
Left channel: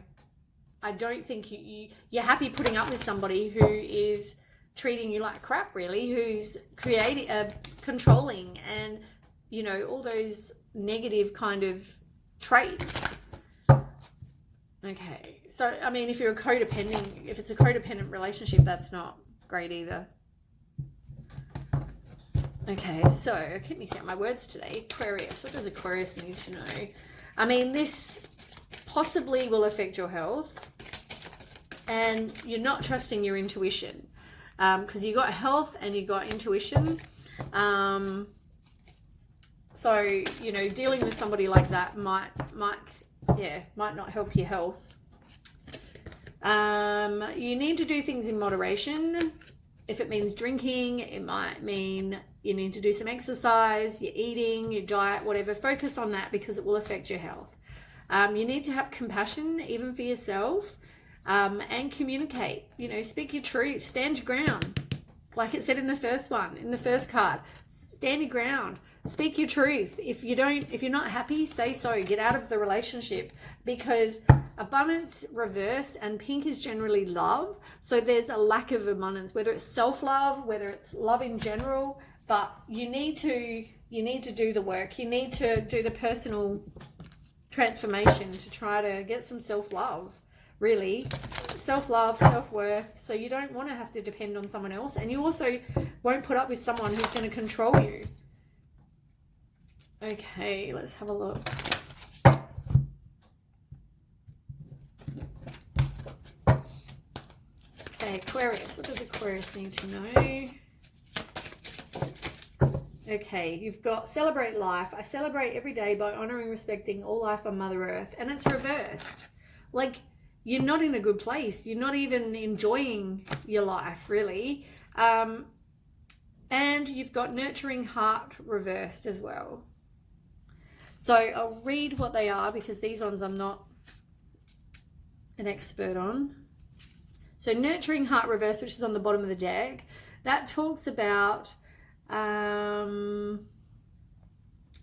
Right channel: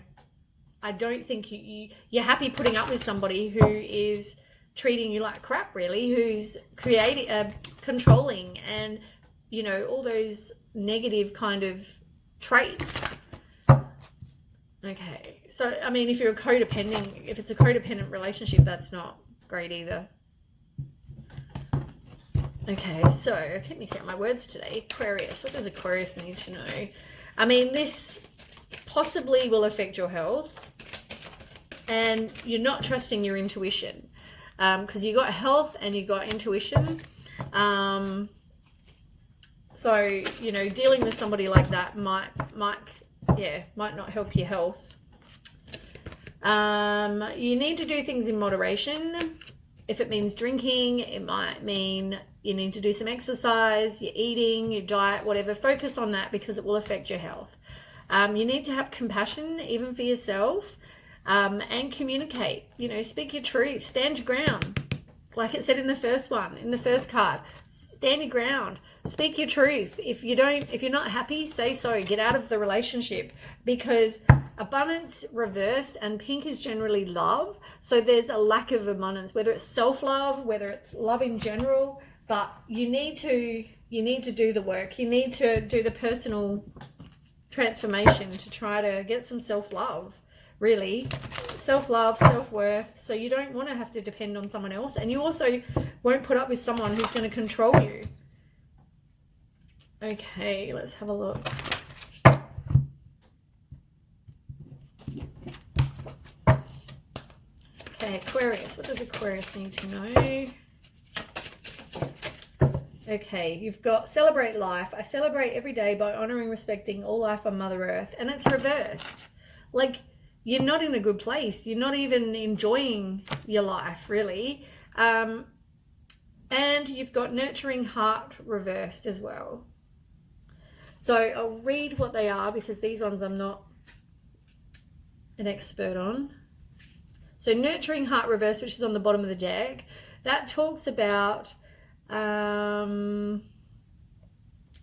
I don't think you're happy putting up with somebody who is treating you like crap, really, who's controlling, and, you know, all those negative kind of traits. Okay, so I mean, if you're a codependent, if it's a codependent relationship, that's not great either. Okay, so I keep mixing up my words today. Aquarius, what does Aquarius need to know? I mean, this possibly will affect your health, and you're not trusting your intuition, because you got health and you got intuition. So, you know, dealing with somebody like that might not help your health. You need to do things in moderation. If it means drinking, it might mean you need to do some exercise, your eating, your diet, whatever. Focus on that, because it will affect your health. You need to have compassion, even for yourself, and communicate. You know, speak your truth, stand your ground. Like it said in the first one, in the first card, stand your ground, speak your truth. If you're not happy, say so. Get out of the relationship, because abundance reversed and pink is generally love. So there's a lack of abundance, whether it's self-love, whether it's love in general. But you need to do the work. You need to do the personal transformation to try to get some self-love. Really, self-love, self-worth, so you don't want to have to depend on someone else, and you also won't put up with someone who's going to control you. Okay, let's have a look. Okay, Aquarius, what does Aquarius need to know? Okay, you've got celebrate life. I celebrate every day by honoring, respecting all life on Mother Earth, and it's reversed. Like, you're not in a good place. You're not even enjoying your life, really. And you've got nurturing heart reversed as well. So I'll read what they are, because these ones I'm not an expert on. So nurturing heart reversed, which is on the bottom of the deck, that talks about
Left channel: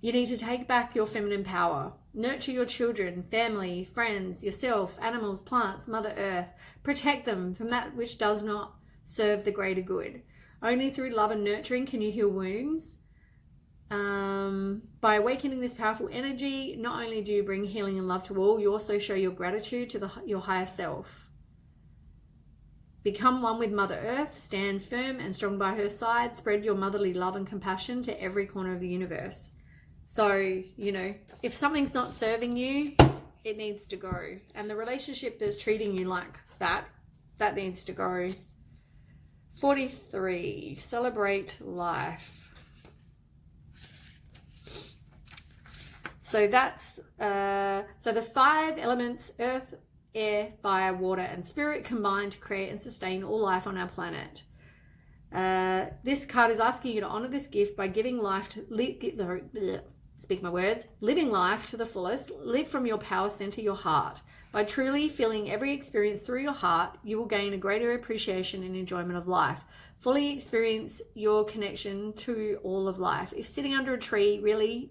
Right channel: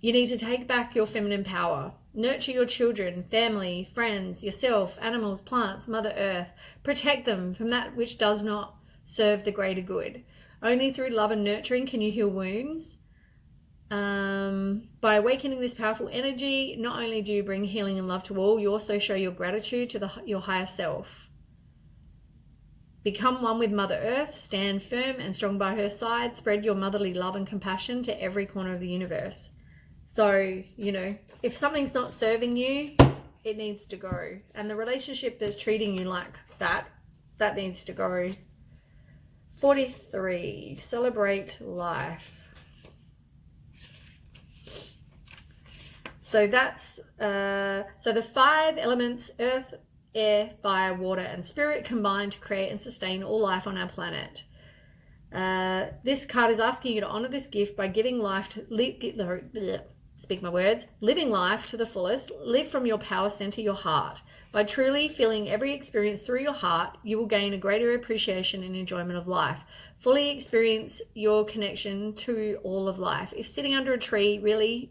you need to take back your feminine power. Nurture your children, family, friends, yourself, animals, plants, Mother Earth. Protect them from that which does not serve the greater good. Only through love and nurturing can you heal wounds. By awakening this powerful energy, not only do you bring healing and love to all, you also show your gratitude to your higher self. Become one with Mother Earth, stand firm and strong by her side, spread your motherly love and compassion to every corner of the universe. So, you know, if something's not serving you, it needs to go. And the relationship that's treating you like that needs to go. 43, celebrate life. So that's, so the 5 elements, earth, air, fire, water, and spirit combine to create and sustain all life on our planet. This card is asking you to honor this gift by giving life to, living life to the fullest. Live from your power center, your heart. By truly feeling every experience through your heart, you will gain a greater appreciation and enjoyment of life. Fully experience your connection to all of life. If sitting under a tree, really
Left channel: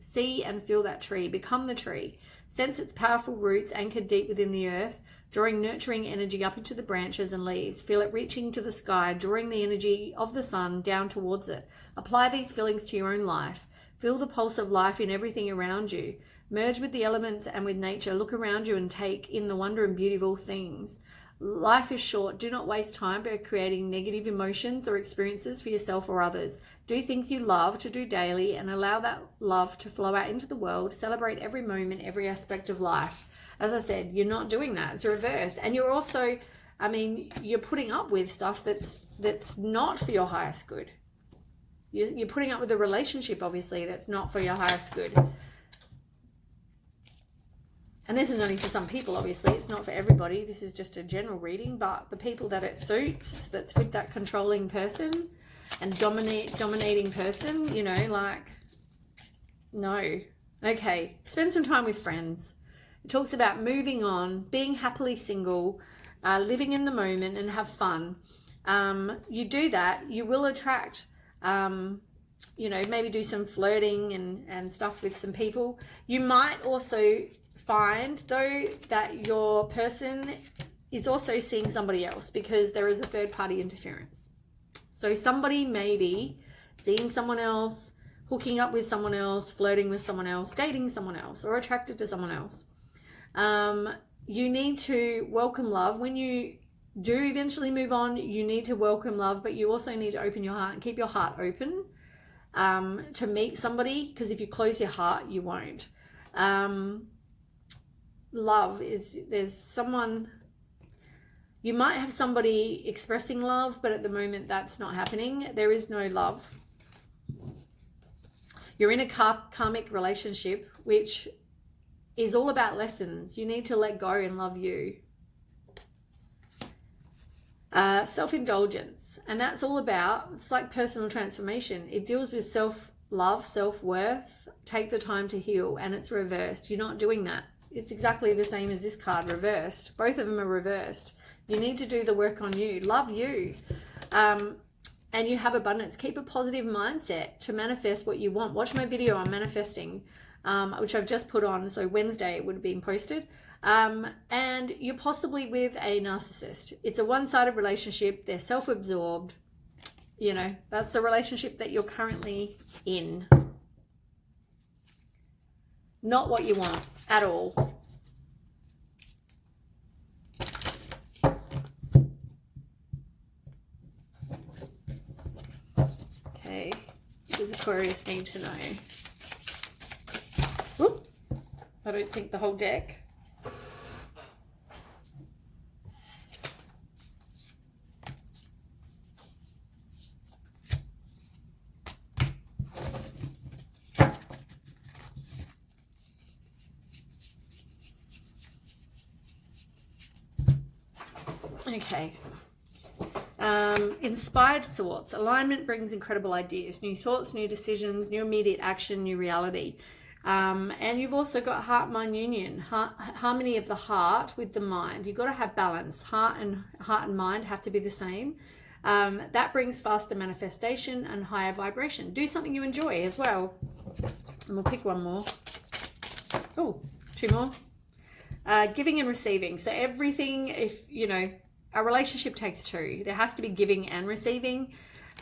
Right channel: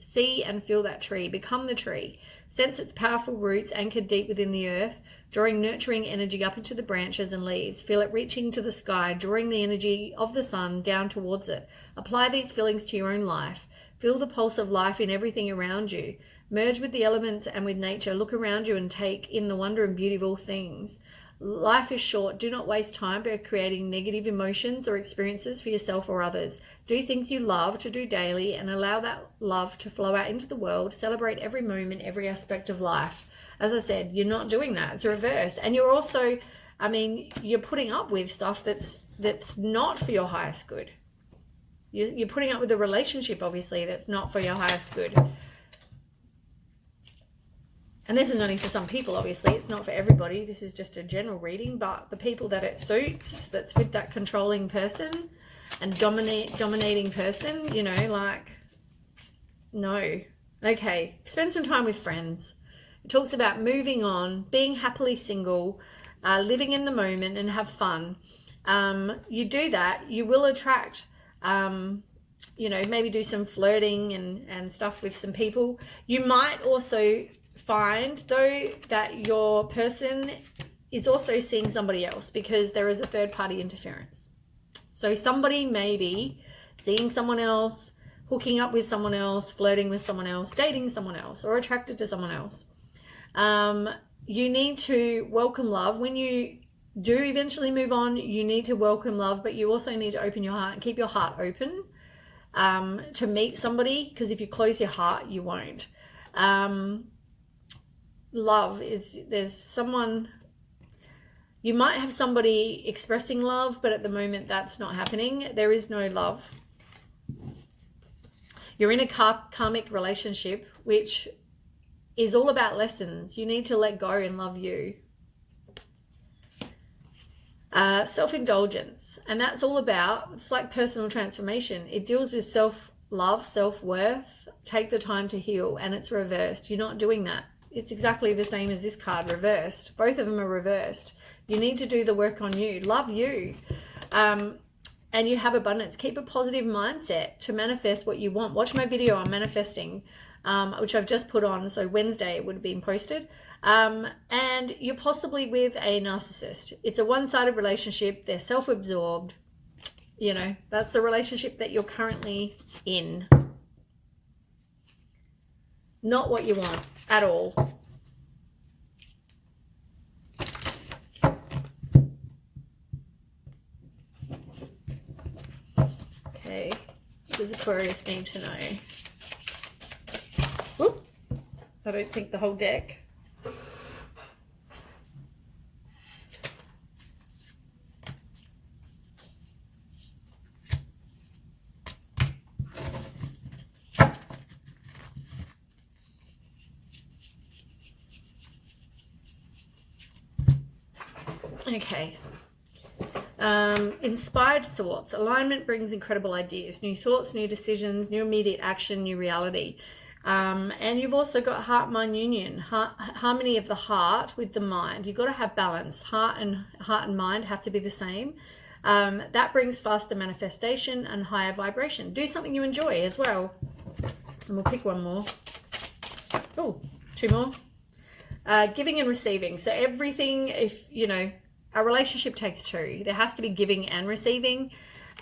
see and feel that tree. Become the tree. Sense its powerful roots anchored deep within the earth, drawing nurturing energy up into the branches and leaves. Feel it reaching to the sky, drawing the energy of the sun down towards it. Apply these feelings to your own life. Feel the pulse of life in everything around you. Merge with the elements and with nature. Look around you and take in the wonder and beauty of all things. Life is short. Do not waste time by creating negative emotions or experiences for yourself or others. Do things you love to do daily and allow that love to flow out into the world. Celebrate every moment, every aspect of life. As I said, you're not doing that. It's reversed. And you're also, I mean, you're putting up with stuff that's not for your highest good. You're putting up with a relationship, obviously, that's not for your highest good. And this is only for some people, obviously. It's not for everybody. This is just a general reading. But the people that it suits, that's with that controlling person and dominating person, you know, like, no. Okay, spend some time with friends. It talks about moving on, being happily single, living in the moment and have fun. You do that, you will attract, you know, maybe do some flirting and stuff with some people. You might also find though that your person is also seeing somebody else because there is a third party interference. So somebody may be seeing someone else, hooking up with someone else, flirting with someone else, dating someone else, or attracted to someone else. You need to welcome love. When you do eventually move on, you need to welcome love, but you also need to open your heart and keep your heart open to meet somebody, because if you close your heart, you won't. Love is, there's someone, you might have somebody expressing love, but at the moment that's not happening. There is no love. You're in a karmic relationship, which is all about lessons. You need to let go and love you. Self-indulgence, and that's all about, it's like personal transformation. It deals with self-love, self-worth. Take the time to heal, and it's reversed. You're not doing that. It's exactly the same as this card, reversed. Both of them are reversed. You need to do the work on you. Love you. And you have abundance. Keep a positive mindset to manifest what you want. Watch my video on manifesting, which I've just put on. So Wednesday it would have been posted. And you're possibly with a narcissist. It's a one-sided relationship. They're self-absorbed. You know, that's the relationship that you're currently in. Not what you want at all. Okay, what does Aquarius need to know? Whoop, I don't think the whole deck. Okay. Inspired thoughts. Alignment brings incredible ideas, new thoughts, new decisions, new immediate action, new reality. And you've also got heart-mind union, harmony of the heart with the mind. You've got to have balance. Heart and mind have to be the same. That brings faster manifestation and higher vibration. Do something you enjoy as well. And we'll pick one more. Oh, two more. Giving and receiving. So everything, if you know, a relationship takes two. There has to be giving and receiving.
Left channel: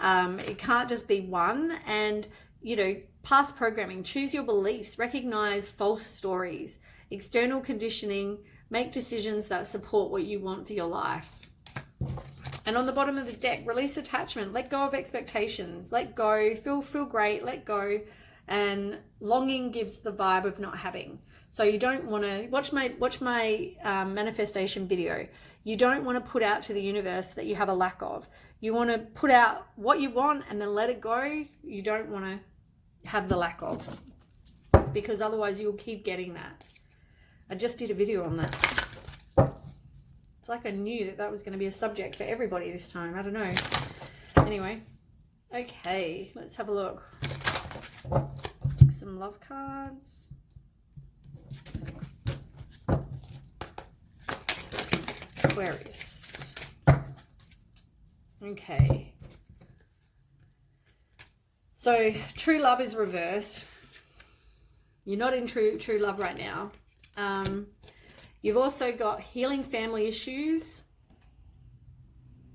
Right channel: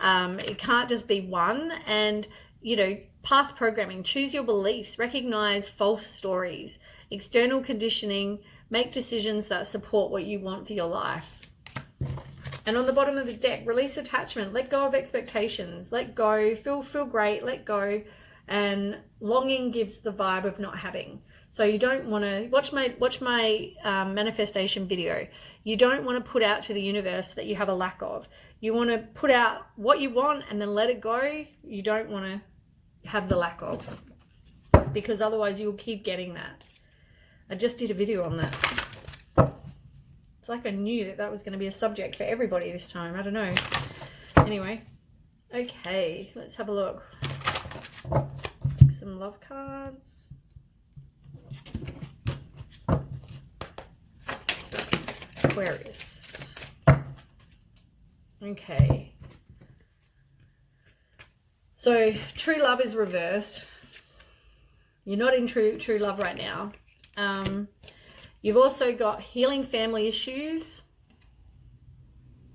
It can't just be one. And, you know, past programming, choose your beliefs, recognize false stories, external conditioning, make decisions that support what you want for your life. And on the bottom of the deck, release attachment, let go of expectations, let go, feel great, let go. And longing gives the vibe of not having. So you don't want to watch my manifestation video. You don't want to put out to the universe that you have a lack of. You want to put out what you want and then let it go. You don't want to have the lack of, because otherwise you'll keep getting that. I just did a video on that. It's like I knew that was going to be a subject for everybody this time. I don't know. Anyway, okay, let's have a look. Pick some love cards. Aquarius. Okay. So true love is reversed. You're not in true love right now. You've also got healing family issues.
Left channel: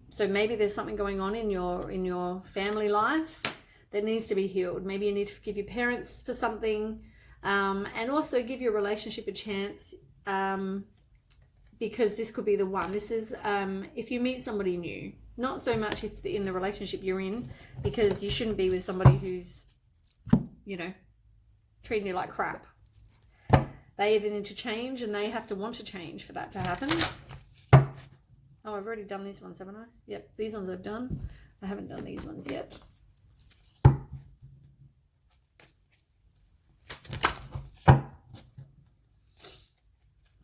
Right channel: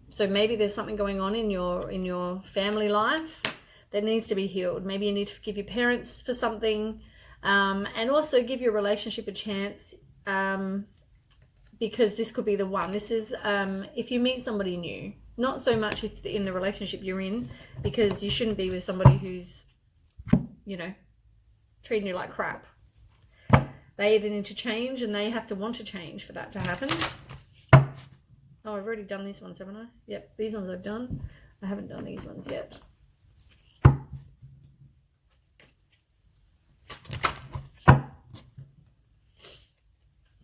So maybe there's something going on in your family life that needs to be healed. Maybe you need to forgive your parents for something, and also give your relationship a chance. because this could be the one. This is if you meet somebody new, not so much if in the relationship you're in, because you shouldn't be with somebody who's, you know, treating you like crap. They either need to change, and they have to want to change for that to happen. Oh, I've already done these ones, haven't I? Yep, these ones I've done. I haven't done these ones yet.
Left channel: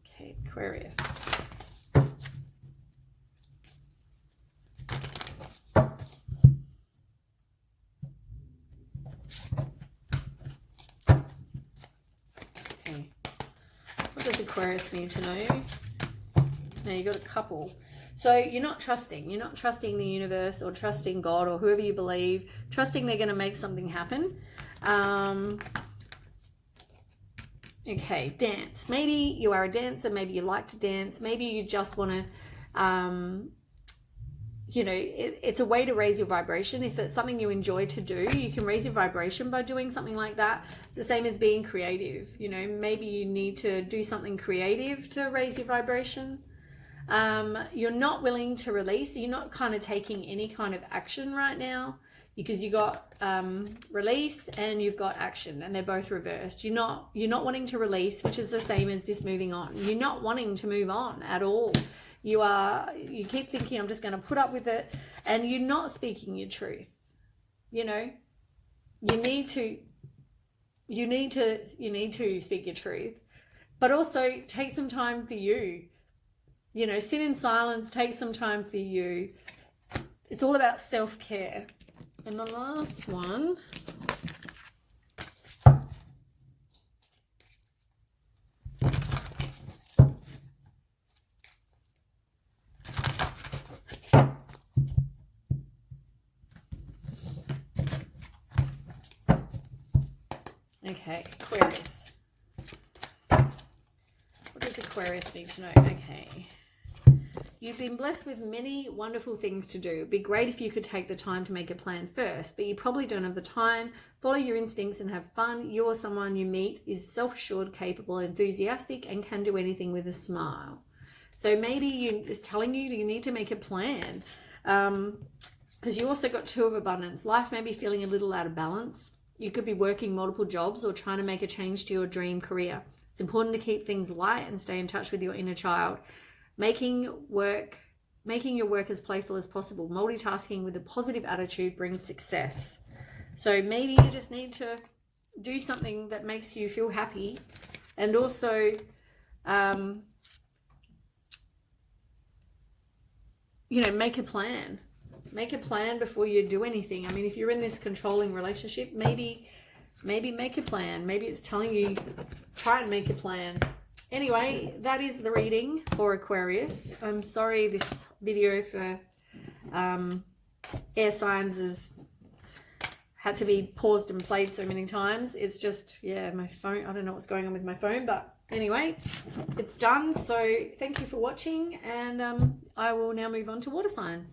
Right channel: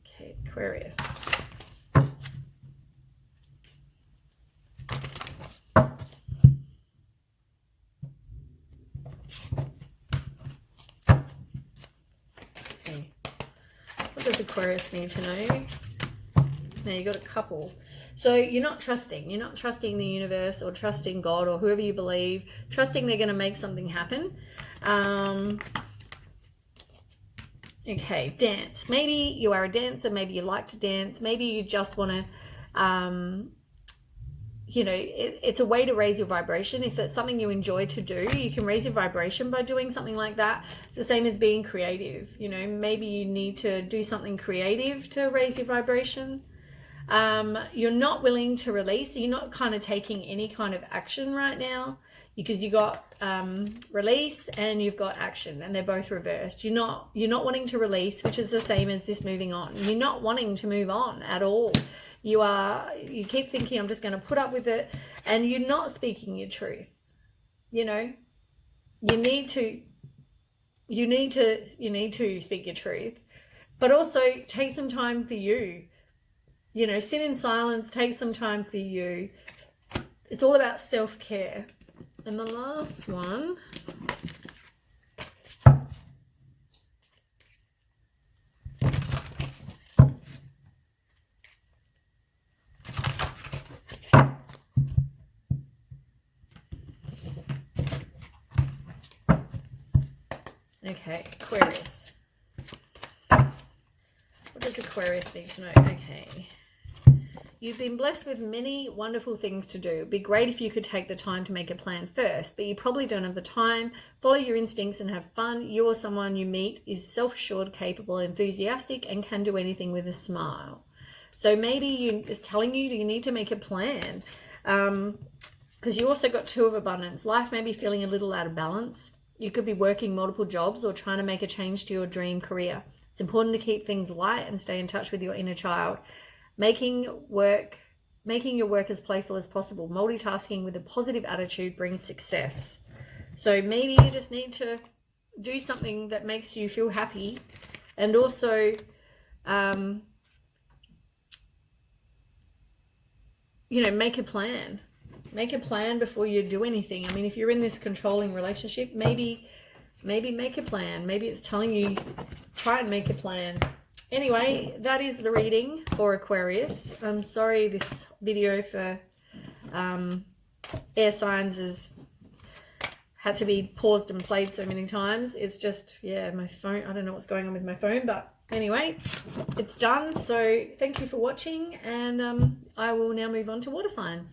Okay, Aquarius. Okay. What does Aquarius need to know? Now you got a couple. So you're not trusting. You're not trusting the universe or trusting God or whoever you believe. Trusting they're going to make something happen. Okay, dance. Maybe you are a dancer. Maybe you like to dance. Maybe you just want to, you know, it's a way to raise your vibration. If it's something you enjoy to do, you can raise your vibration by doing something like that. The same as being creative. You know, maybe you need to do something creative to raise your vibration. You're not willing to release. You're not kind of taking any kind of action right now, because you got release and you've got action, and they're both reversed. You're not wanting to release, which is the same as this moving on. You're not wanting to move on at all. You keep thinking, I'm just going to put up with it, and you're not speaking your truth. You know, you need to speak your truth, but also take some time for you. You know, sit in silence, take some time for you. It's all about self-care. And the last one, okay, Aquarius. What does Aquarius need to know? Okay. You've been blessed with many wonderful things to do. It'd be great if you could take the time to make a plan first, but you probably don't have the time. Follow your instincts and have fun. You or someone you meet is self-assured, capable, enthusiastic, and can do anything with a smile. So maybe it's telling you you need to make a plan, because you also got Two of Abundance. Life may be feeling a little out of balance. You could be working multiple jobs or trying to make a change to your dream career. It's important to keep things light and stay in touch with your inner child. Making your work as playful as possible. Multitasking with a positive attitude brings success. So maybe you just need to do something that makes you feel happy, and also you know, make a plan. Make a plan before you do anything. I mean, if you're in this controlling relationship, maybe make a plan. Maybe it's telling you, try and make a plan. Anyway, that is the reading for Aquarius. I'm sorry this video for air signs has had to be paused and played so many times. It's just, yeah, my phone, I don't know what's going on with my phone, but anyway, it's done. So thank you for watching, and I will now move on to water signs.